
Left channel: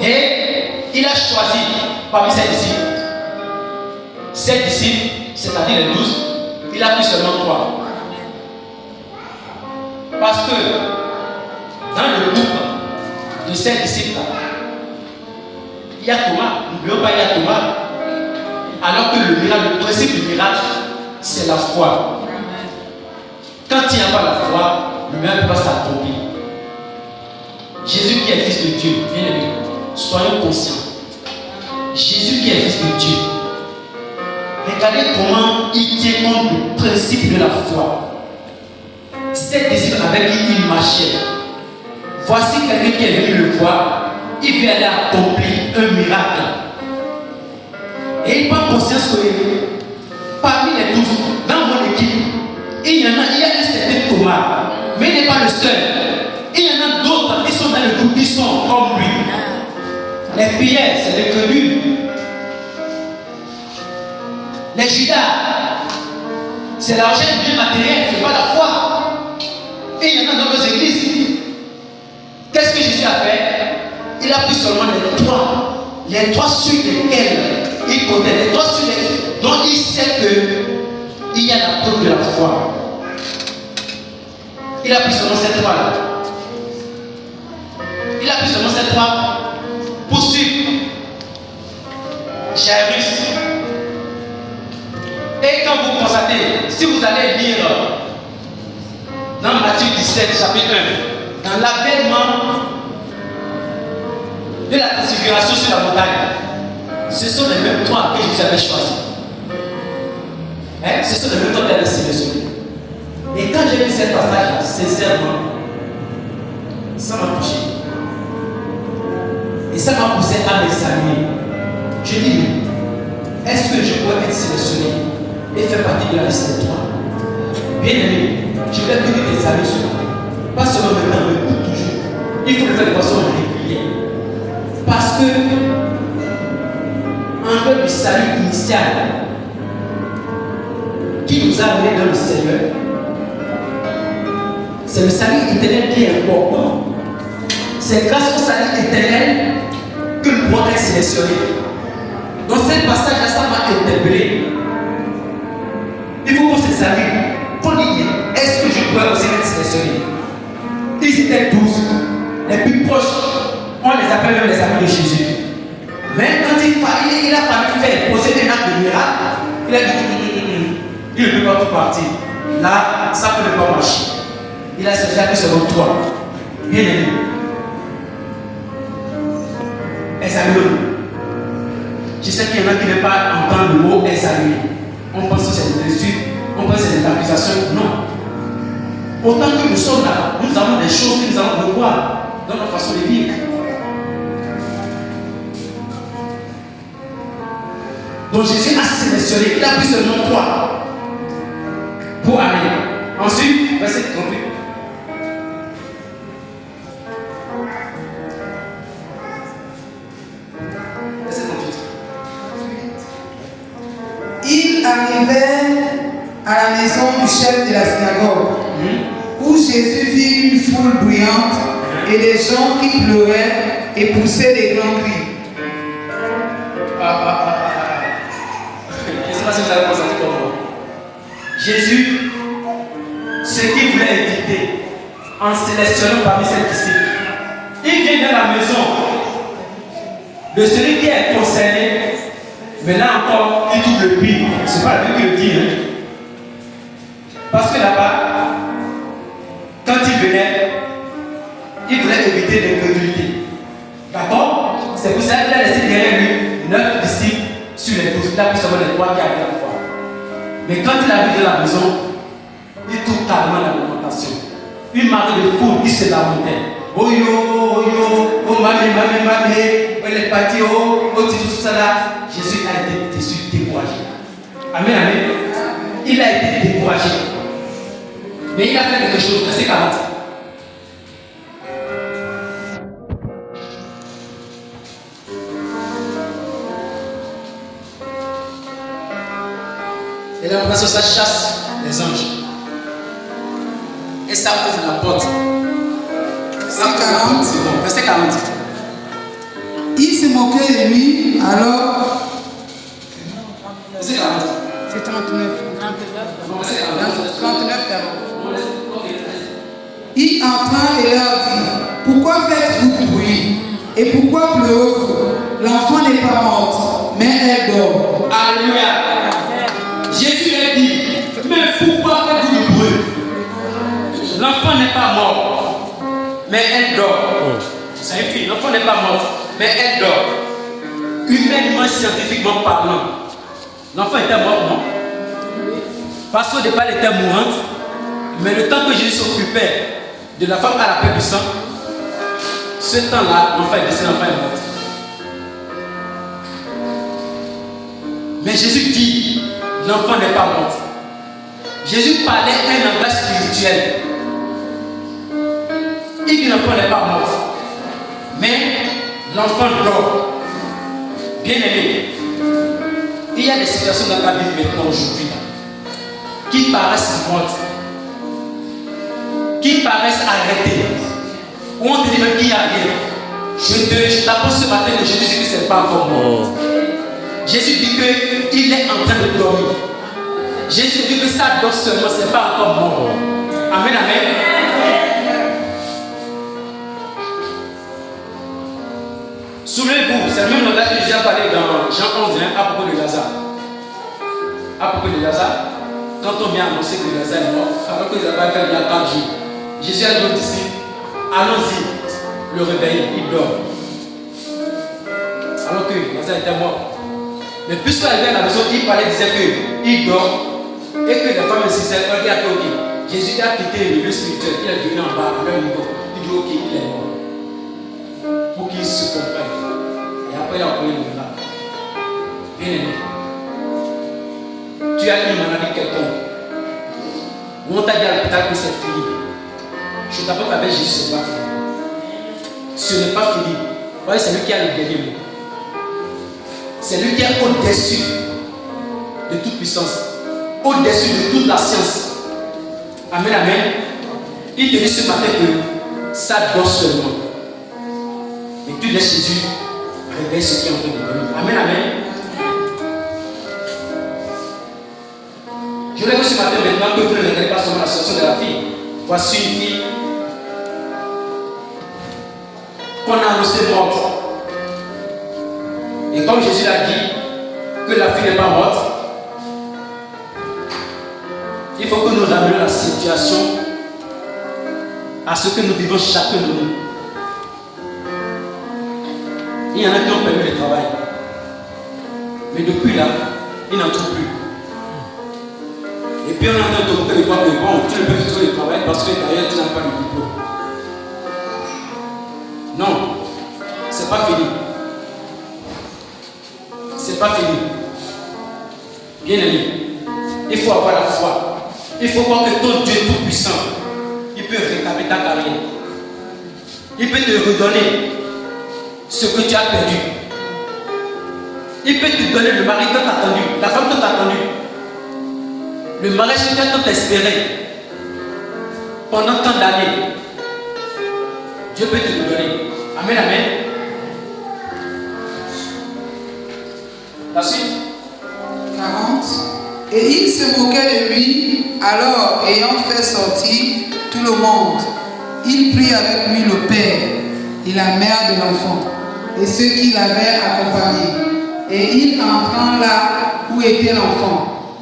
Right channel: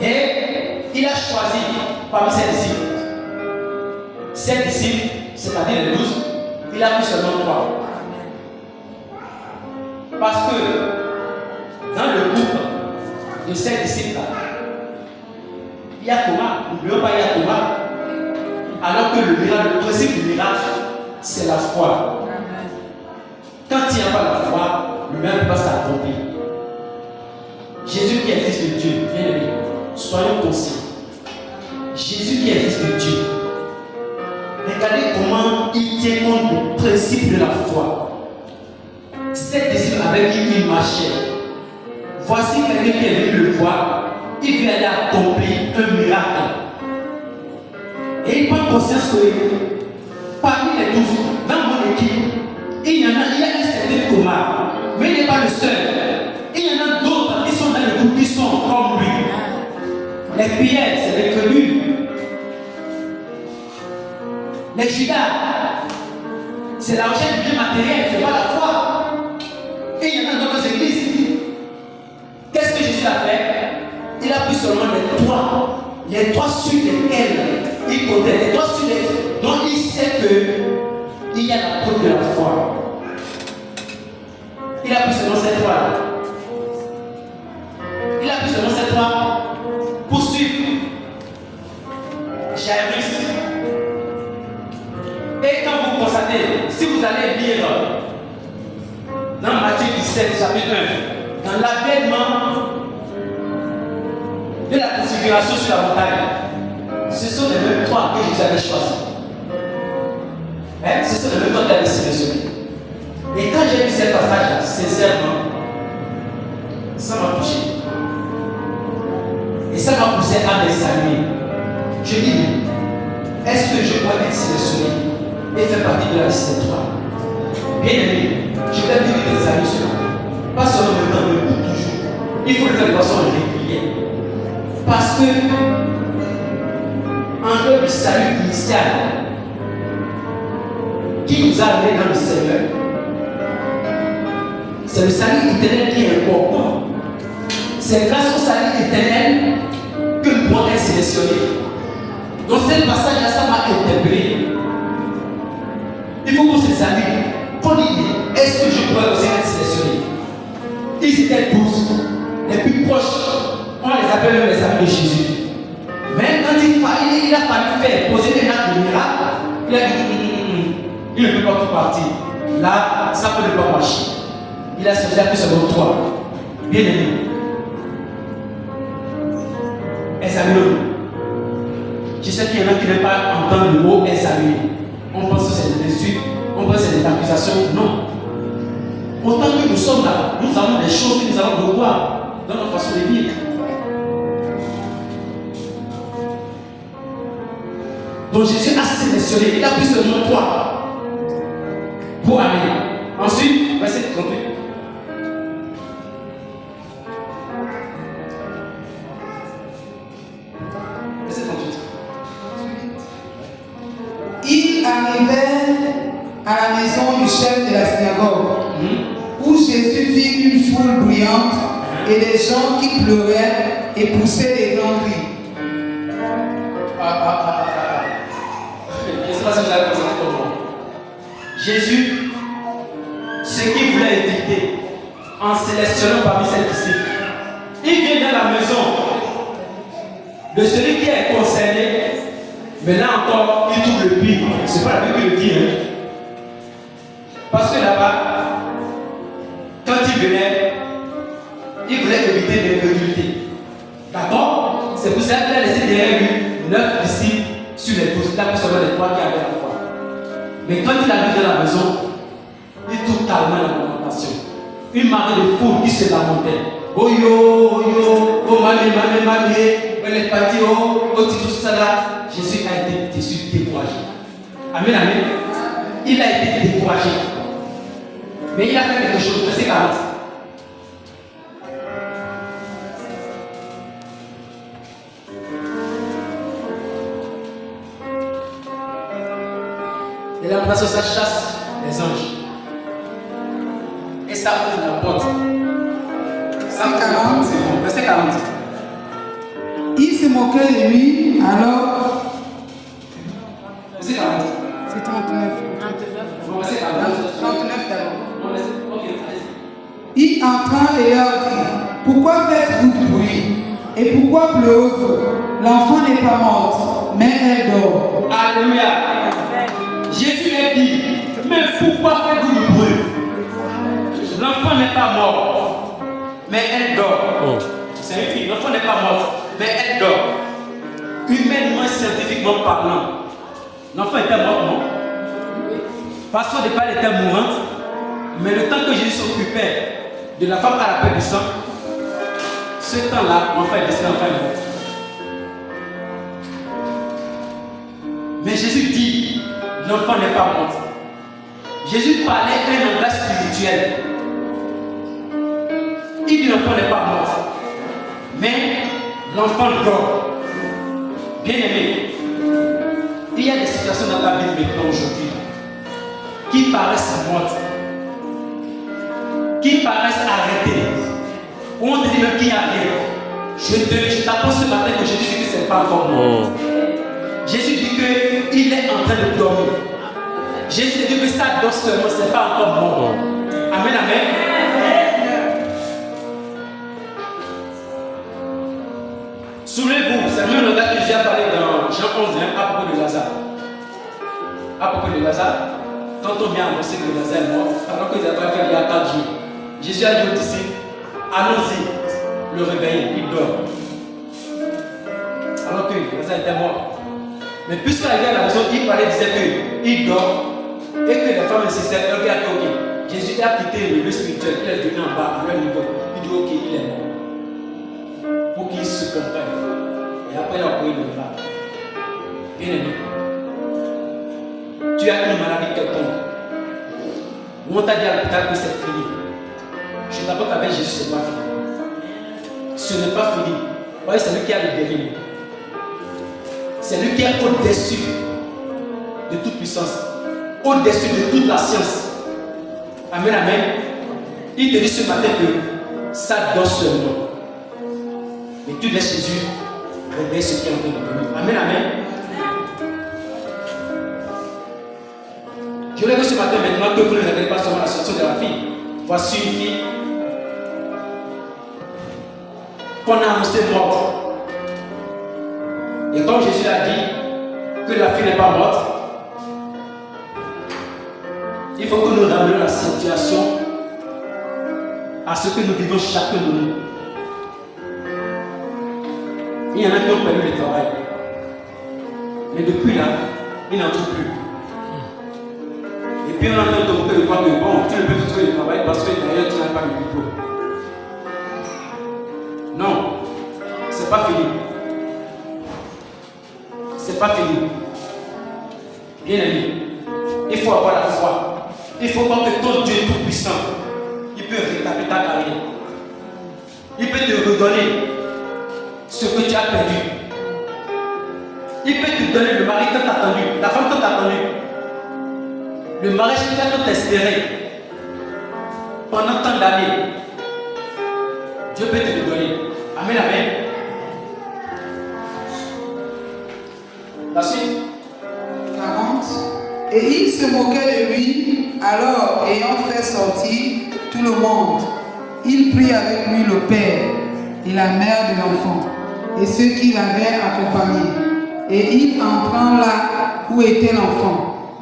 Et il a choisi parmi ses disciples, c'est-à-dire les 12, il a pris seulement 3. Parce que dans le groupe de ces disciples-là, il y a Thomas, n'oublions pas, il y a Thomas. Alors que le principe du miracle, c'est la foi. Quand il n'y a pas la foi, le miracle ne peut pas s'accomplir. Jésus qui est fils de Dieu, bien aimé, soyons conscients. Jésus qui est fils de Dieu, regardez comment il tient compte du principe de la foi. Ces disciples avec qui il marchait, voici quelqu'un qui est venu le voir, il veut aller accomplir un miracle. Et il prend conscience que parmi les 12, dans mon équipe, il y a un certain Thomas, mais il n'est pas le seul. Il y en a d'autres qui sont dans le groupe, qui sont comme lui. Les Pierre, c'est les connus. Les Judas, c'est la recherche du bien matériel, ce n'est pas la foi. Et il y en a dans nos églises. Qu'est-ce que Jésus a fait? Il a pris seulement les trois sur lesquels il connaît, les trois sur lesquels dont il sait qu'il y a la preuve de la foi. Il a pris seulement ces trois-là. Il a pris seulement ces trois pour suivre Jairus. Et quand vous constatez, si vous allez lire dans Matthieu 17, chapitre 1, dans l'avènement de la transfiguration sur la montagne, ce sont les mêmes trois que Jésus avait choisis. Ce sont les mêmes trois qui avaient sélectionnés. Et quand j'ai lu ce passage-là, sincèrement, ça m'a touché. Et ça m'a poussé à m'examiner. Je dis, mais est-ce que je peux être sélectionné et faire partie de la liste des trois? Bien aimé, je voulais donner des amis sur la pas seulement maintenant, mais pour toujours. Il faut le faire de façon régulière. Parce que, en dehors du salut initial qui nous a amenés dans le Seigneur, c'est le salut éternel qui est important. C'est grâce au salut éternel que nous pouvons être sélectionnés. Dans ce passage-là, ça m'a interpellé. Il faut qu'on s'examine. Qu'on dise, est-ce que je pourrais aussi être sélectionné? Ils étaient 12. Les plus proches, on les appelle même les amis de Jésus. Mais quand il a fallu faire, poser un acte de miracle, il a dit, il ne peut pas tout partir. Là, ça ne peut pas marcher. Il a choisi que selon toi. Bien aimé. Examine-le. Je sais qu'il y en a qui n'aiment pas entendre le mot examiner. On pense que c'est une insulte, on pense que c'est une accusation. Non. Autant que nous sommes là, nous avons des choses que nous allons revoir dans notre façon de vivre. Donc Jésus a sélectionné, il a pris seulement 3 pour aller. Ensuite, verset 38. Il arrivait à la maison du chef de la synagogue, où Jésus vit une foule bruyante et des gens qui pleuraient et poussaient des grands cris. Je ne sais pas si vous avez constaté comme moi. Jésus, ce qu'il voulait éviter en sélectionnant parmi ses disciples, il vient dans la maison de celui qui est concerné. Mais là encore, il trouve le pire. Ce n'est pas la Bible qui le dit. Hein? Parce que là-bas, quand il venait, il voulait éviter l'incrédulité. D'accord? C'est pour ça qu'il a laissé derrière lui 9 disciples sur les 12. Il a pris seulement les 3 qui avaient la foi. Mais quand il arrive dans la maison, il trouve carrément l'alimentation. Une marée de foule qui se lamentait. Oh yo, oh mamé, elle est partie, oh, tout ça là. Jésus a été déçu, découragé. Amen, amen. Il a été découragé. Mais il a fait quelque chose, verset 40. Parce que ça chasse les anges. Et ça ouvre la porte. 140. C'est bon. Verset 40. Il se moquait de lui, alors. Verset 40. C'est 39. Verset 40. 39 d'abord. Il entra et leur dit, pourquoi faites-vous bruit? Et pourquoi pleurez-vous? L'enfant n'est pas morte, mais elle dort. Alléluia. Jésus a dit, mais pourquoi faites-vous du bruit? L'enfant n'est pas mort, mais elle dort. C'est une fille, l'enfant n'est pas mort, mais elle dort. Humainement, scientifiquement parlant, l'enfant était mort, non? Parce qu'au départ, elle était mourante, mais le temps que Jésus s'occupait de la femme à la perte du sang, ce temps-là, l'enfant est décédé, l'enfant est mort. Mais Jésus dit, l'enfant n'est pas mort. Jésus parlait un langage spirituel. Il dit l'enfant n'est pas mort. Mais l'enfant dort. Bien aimé, il y a des situations dans ta vie maintenant aujourd'hui qui paraissent mortes, qui paraissent arrêtées, où on te dit même qu'il n'y a rien. Je t'apprends ce matin que Jésus dit que ce n'est pas encore mort. Jésus dit qu'il est en train de dormir. Jésus dit que ça dort seulement, ce n'est pas encore mort. Amen, amen. Souvenez-vous, c'est le même langage que Jésus a parlé dans Jean 11 à propos de Lazare. À propos de Lazare, quand on vient annoncer que Lazare est mort, alors qu'ils avaient fait il y a 4 jours, Jésus a dit aux disciples, allons-y, le réveiller, il dort. Alors que Lazare était mort. Mais puisqu'il arrivait à la maison, il parlait, disait qu'il dort et que les femmes insistaient, elles disaient ok. Jésus a quitté le milieu spirituel, il est venu en bas à leur niveau. Il dit ok, il est mort. Pour qu'ils se comprennent. Et après, il a envoyé le miracle. Bien aimé. Tu as une maladie quelconque. Ou on t'a dit à l'hôpital que c'est fini. Je t'apprends qu'avec Jésus, ce n'est pas fini. Ce n'est pas fini. Vous voyez, c'est lui qui a le dernier mot. C'est lui qui est au-dessus de toute puissance, au-dessus de toute la science. Amen, amen. Il te dit ce matin que ça dort seulement. Mais tu laisses Jésus réveiller ce qui est en train de dormir. Amen, amen. Je voulais que ce matin maintenant que vous ne regardez pas seulement la situation de la fille. Voici une fille qu'on a annoncée morte. Et comme Jésus l'a dit, que la fille n'est pas morte, il faut que nous ramenions la situation à ce que nous vivons chacun de nous. Il y en a qui ont perdu le travail. Mais depuis là, ils n'en trouvent plus. Et puis on entend t'occuper de toi que bon, tu ne peux plus trouver le travail parce que derrière tu n'as pas de diplôme. Non, c'est pas fini. C'est pas fini. Bien aimé, il faut avoir la foi. Il faut voir que ton Dieu tout-puissant, il peut rétablir ta carrière. Il peut te redonner ce que tu as perdu. Il peut te donner le mari que tu as attendu, la femme que tu as attendue, le mariage que tu as tant espéré pendant tant d'années. Dieu peut te le donner. Amen, amen. La suite. 40. Et il se moquait de lui, alors, ayant fait sortir tout le monde, il prit avec lui le père et la mère de l'enfant, et ceux qui l'avaient accompagné. Et il entra là où était l'enfant.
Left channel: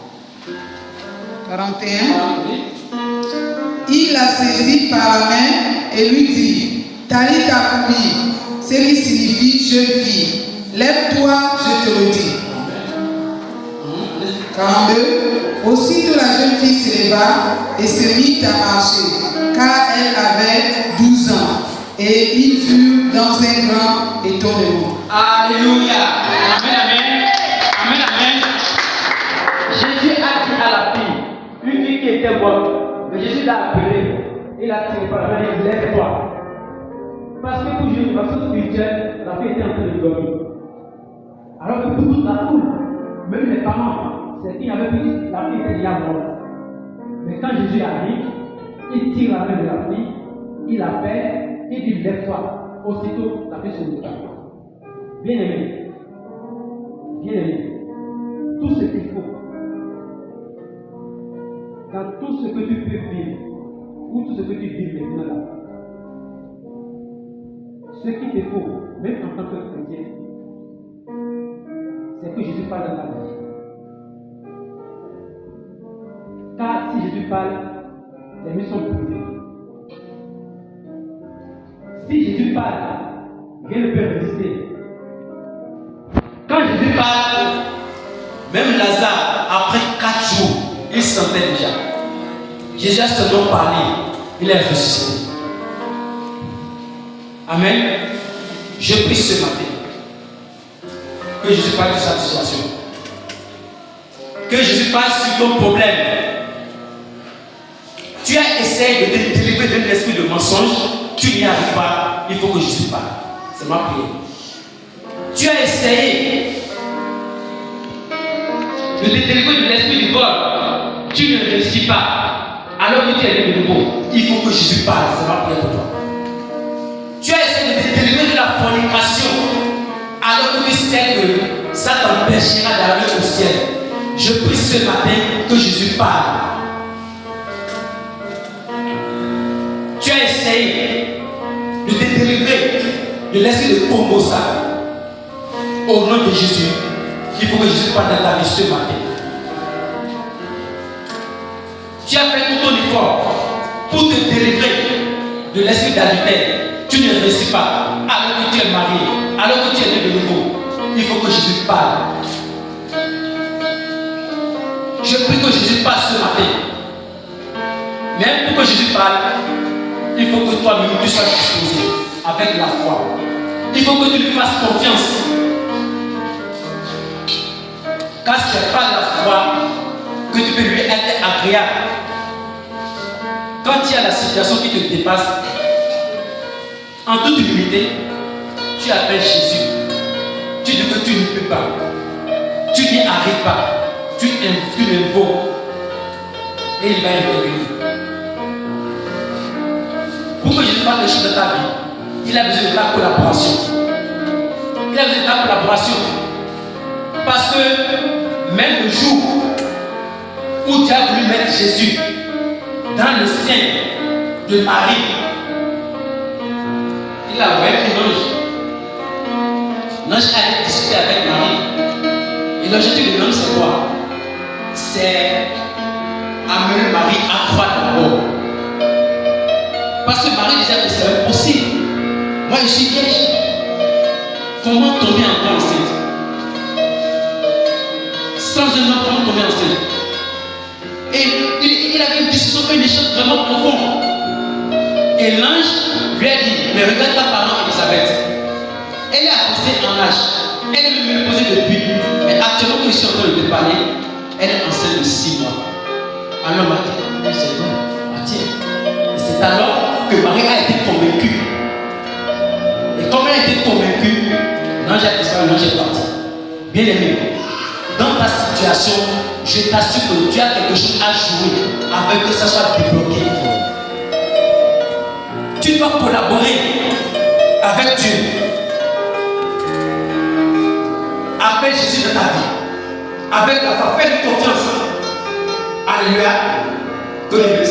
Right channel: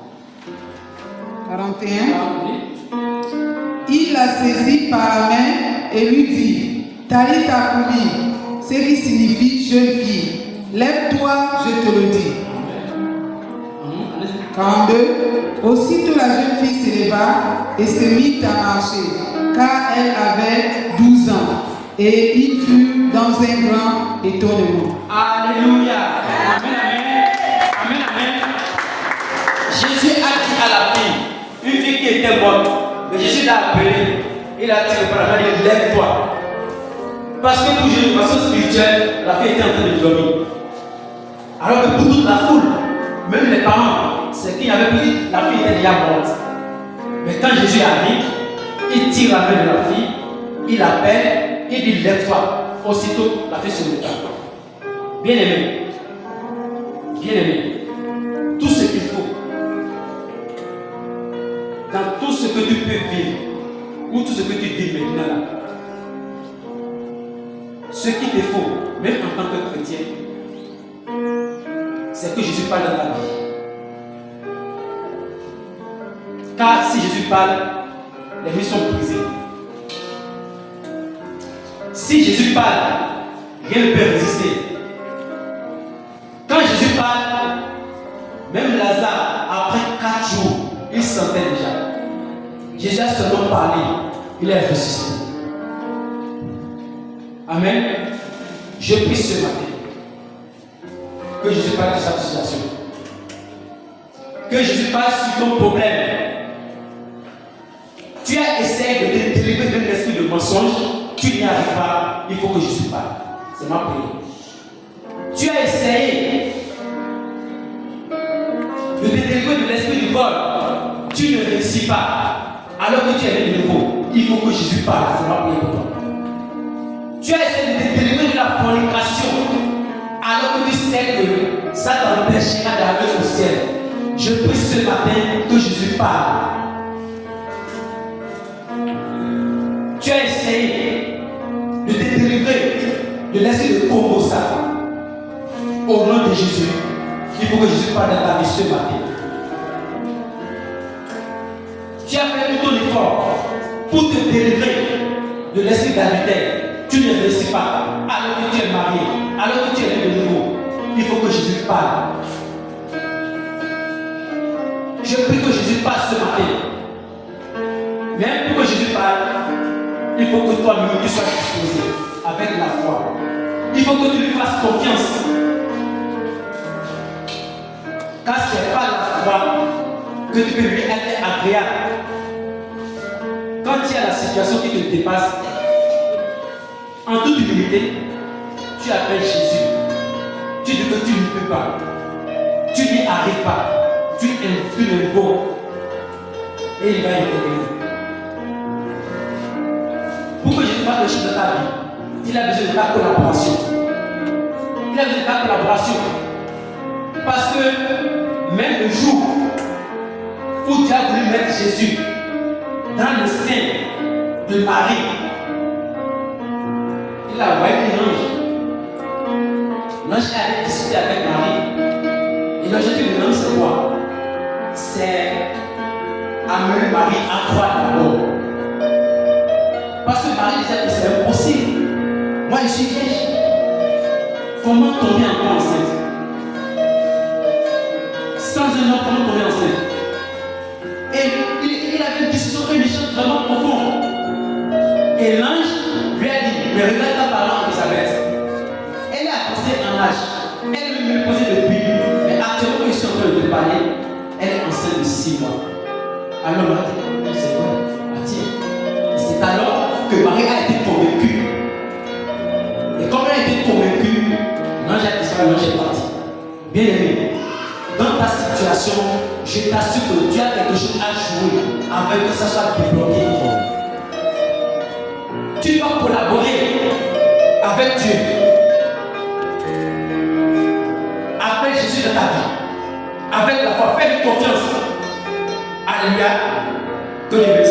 41. Il la saisit par la main et lui dit, Talitha Kumi, ce qui signifie jeune fille, lève-toi, je te le dis. 42. Aussitôt la jeune fille se leva et se mit à marcher, car elle avait 12 ans, et il fut dans un grand étonnement. Alléluia. Amen, amen. Amen, amen. Jésus a dit à la fille, une fille qui était morte, mais Jésus l'a appelée, il a tiré par la main, il dit lève-toi. Parce que pour Jésus, de façon spirituelle, la fille était en train de dormir. Alors que pour toute la foule, Même les parents, c'est qu'il y avait plus, la fille était déjà morte. Mais quand Jésus arrive, il tire la main de la fille, il l'appelle, il dit lève-toi. Aussitôt, la fille se lève. Bien aimé, tout ce qu'il faut, dans tout ce que tu peux vivre, ou tout ce que tu vis maintenant là, ce qu'il te faut, même en tant que chrétien, c'est que Jésus parle dans ta vie. Car si Jésus parle, les vies sont brisées. Si Jésus parle, rien ne peut résister. Quand Jésus parle, même Lazare, après 4 jours, il sentait déjà. Jésus a seulement parlé, il est ressuscité. Amen. Je prie ce matin que Jésus parle de sa situation. Que Jésus parle sur ton problème. Tu as essayé de te délivrer d'un esprit de mensonge, tu n'y arrives pas, il faut que Jésus parle. C'est ma prière. Tu as essayé de te délivrer de l'esprit du vol, tu ne réussis pas, alors que tu es né de nouveau, il faut que Jésus parle. C'est ma prière pour toi. Tu as essayé de te délivrer de la fornication, alors que tu sais que ça t'empêchera d'arriver au ciel. Je prie ce matin que Jésus parle. Tu as essayé de te délivrer de l'esprit de Pombosa. Au nom de Jésus, il faut que Jésus parle dans ta vie ce matin. Tu as fait tout ton effort pour te délivrer de l'esprit d'adultère. Tu ne réussis pas, alors que tu es marié, alors que tu es né de nouveau. Il faut que Jésus parle. Je prie que Jésus parle ce matin. Mais pour que Jésus parle, il faut que toi-même tu sois disposé avec la foi. Il faut que tu lui fasses confiance. Car ce n'est pas la foi que tu peux lui être agréable. Quand il y a la situation qui te dépasse, en toute humilité, tu appelles Jésus. Tu dis que tu ne peux pas. Tu n'y arrives pas. Tu l'invoques. Et il va intervenir. Pour que Jésus fasse des choses dans ta vie, il a besoin de ta collaboration. Il a besoin de ta collaboration. Parce que même le jour où tu as voulu mettre Jésus dans le sein de Marie, il a envoyé un ange. L'ange a discuté avec Marie. Et l'objectif de l'ange, c'est quoi? C'est amener Marie à croire d'abord. Parce que Marie disait que c'est impossible. Moi, je suis vierge. Comment tomber encore enceinte? Sans un homme, comment tomber enceinte? Et il avait une discussion, une échange vraiment profond. Et l'ange lui a dit, mais regarde ta parente Elisabeth. Elle est avancée en âge. Elle est même posée depuis. Mais actuellement, quand je suis en train de te parler, elle est enceinte de 6 mois. Alors, Marie, c'est vrai, Mathieu. C'est alors que Marie a été convaincue. Et comme elle a été convaincue, l'ange a disparu, l'ange est parti. Bien aimé, dans ta situation, je t'assure que tu as quelque chose à jouer afin que ça soit débloqué. Tu dois collaborer avec Dieu. Appelle Jésus dans ta vie. Avec la foi, fais-lui confiance. Alléluia. Que le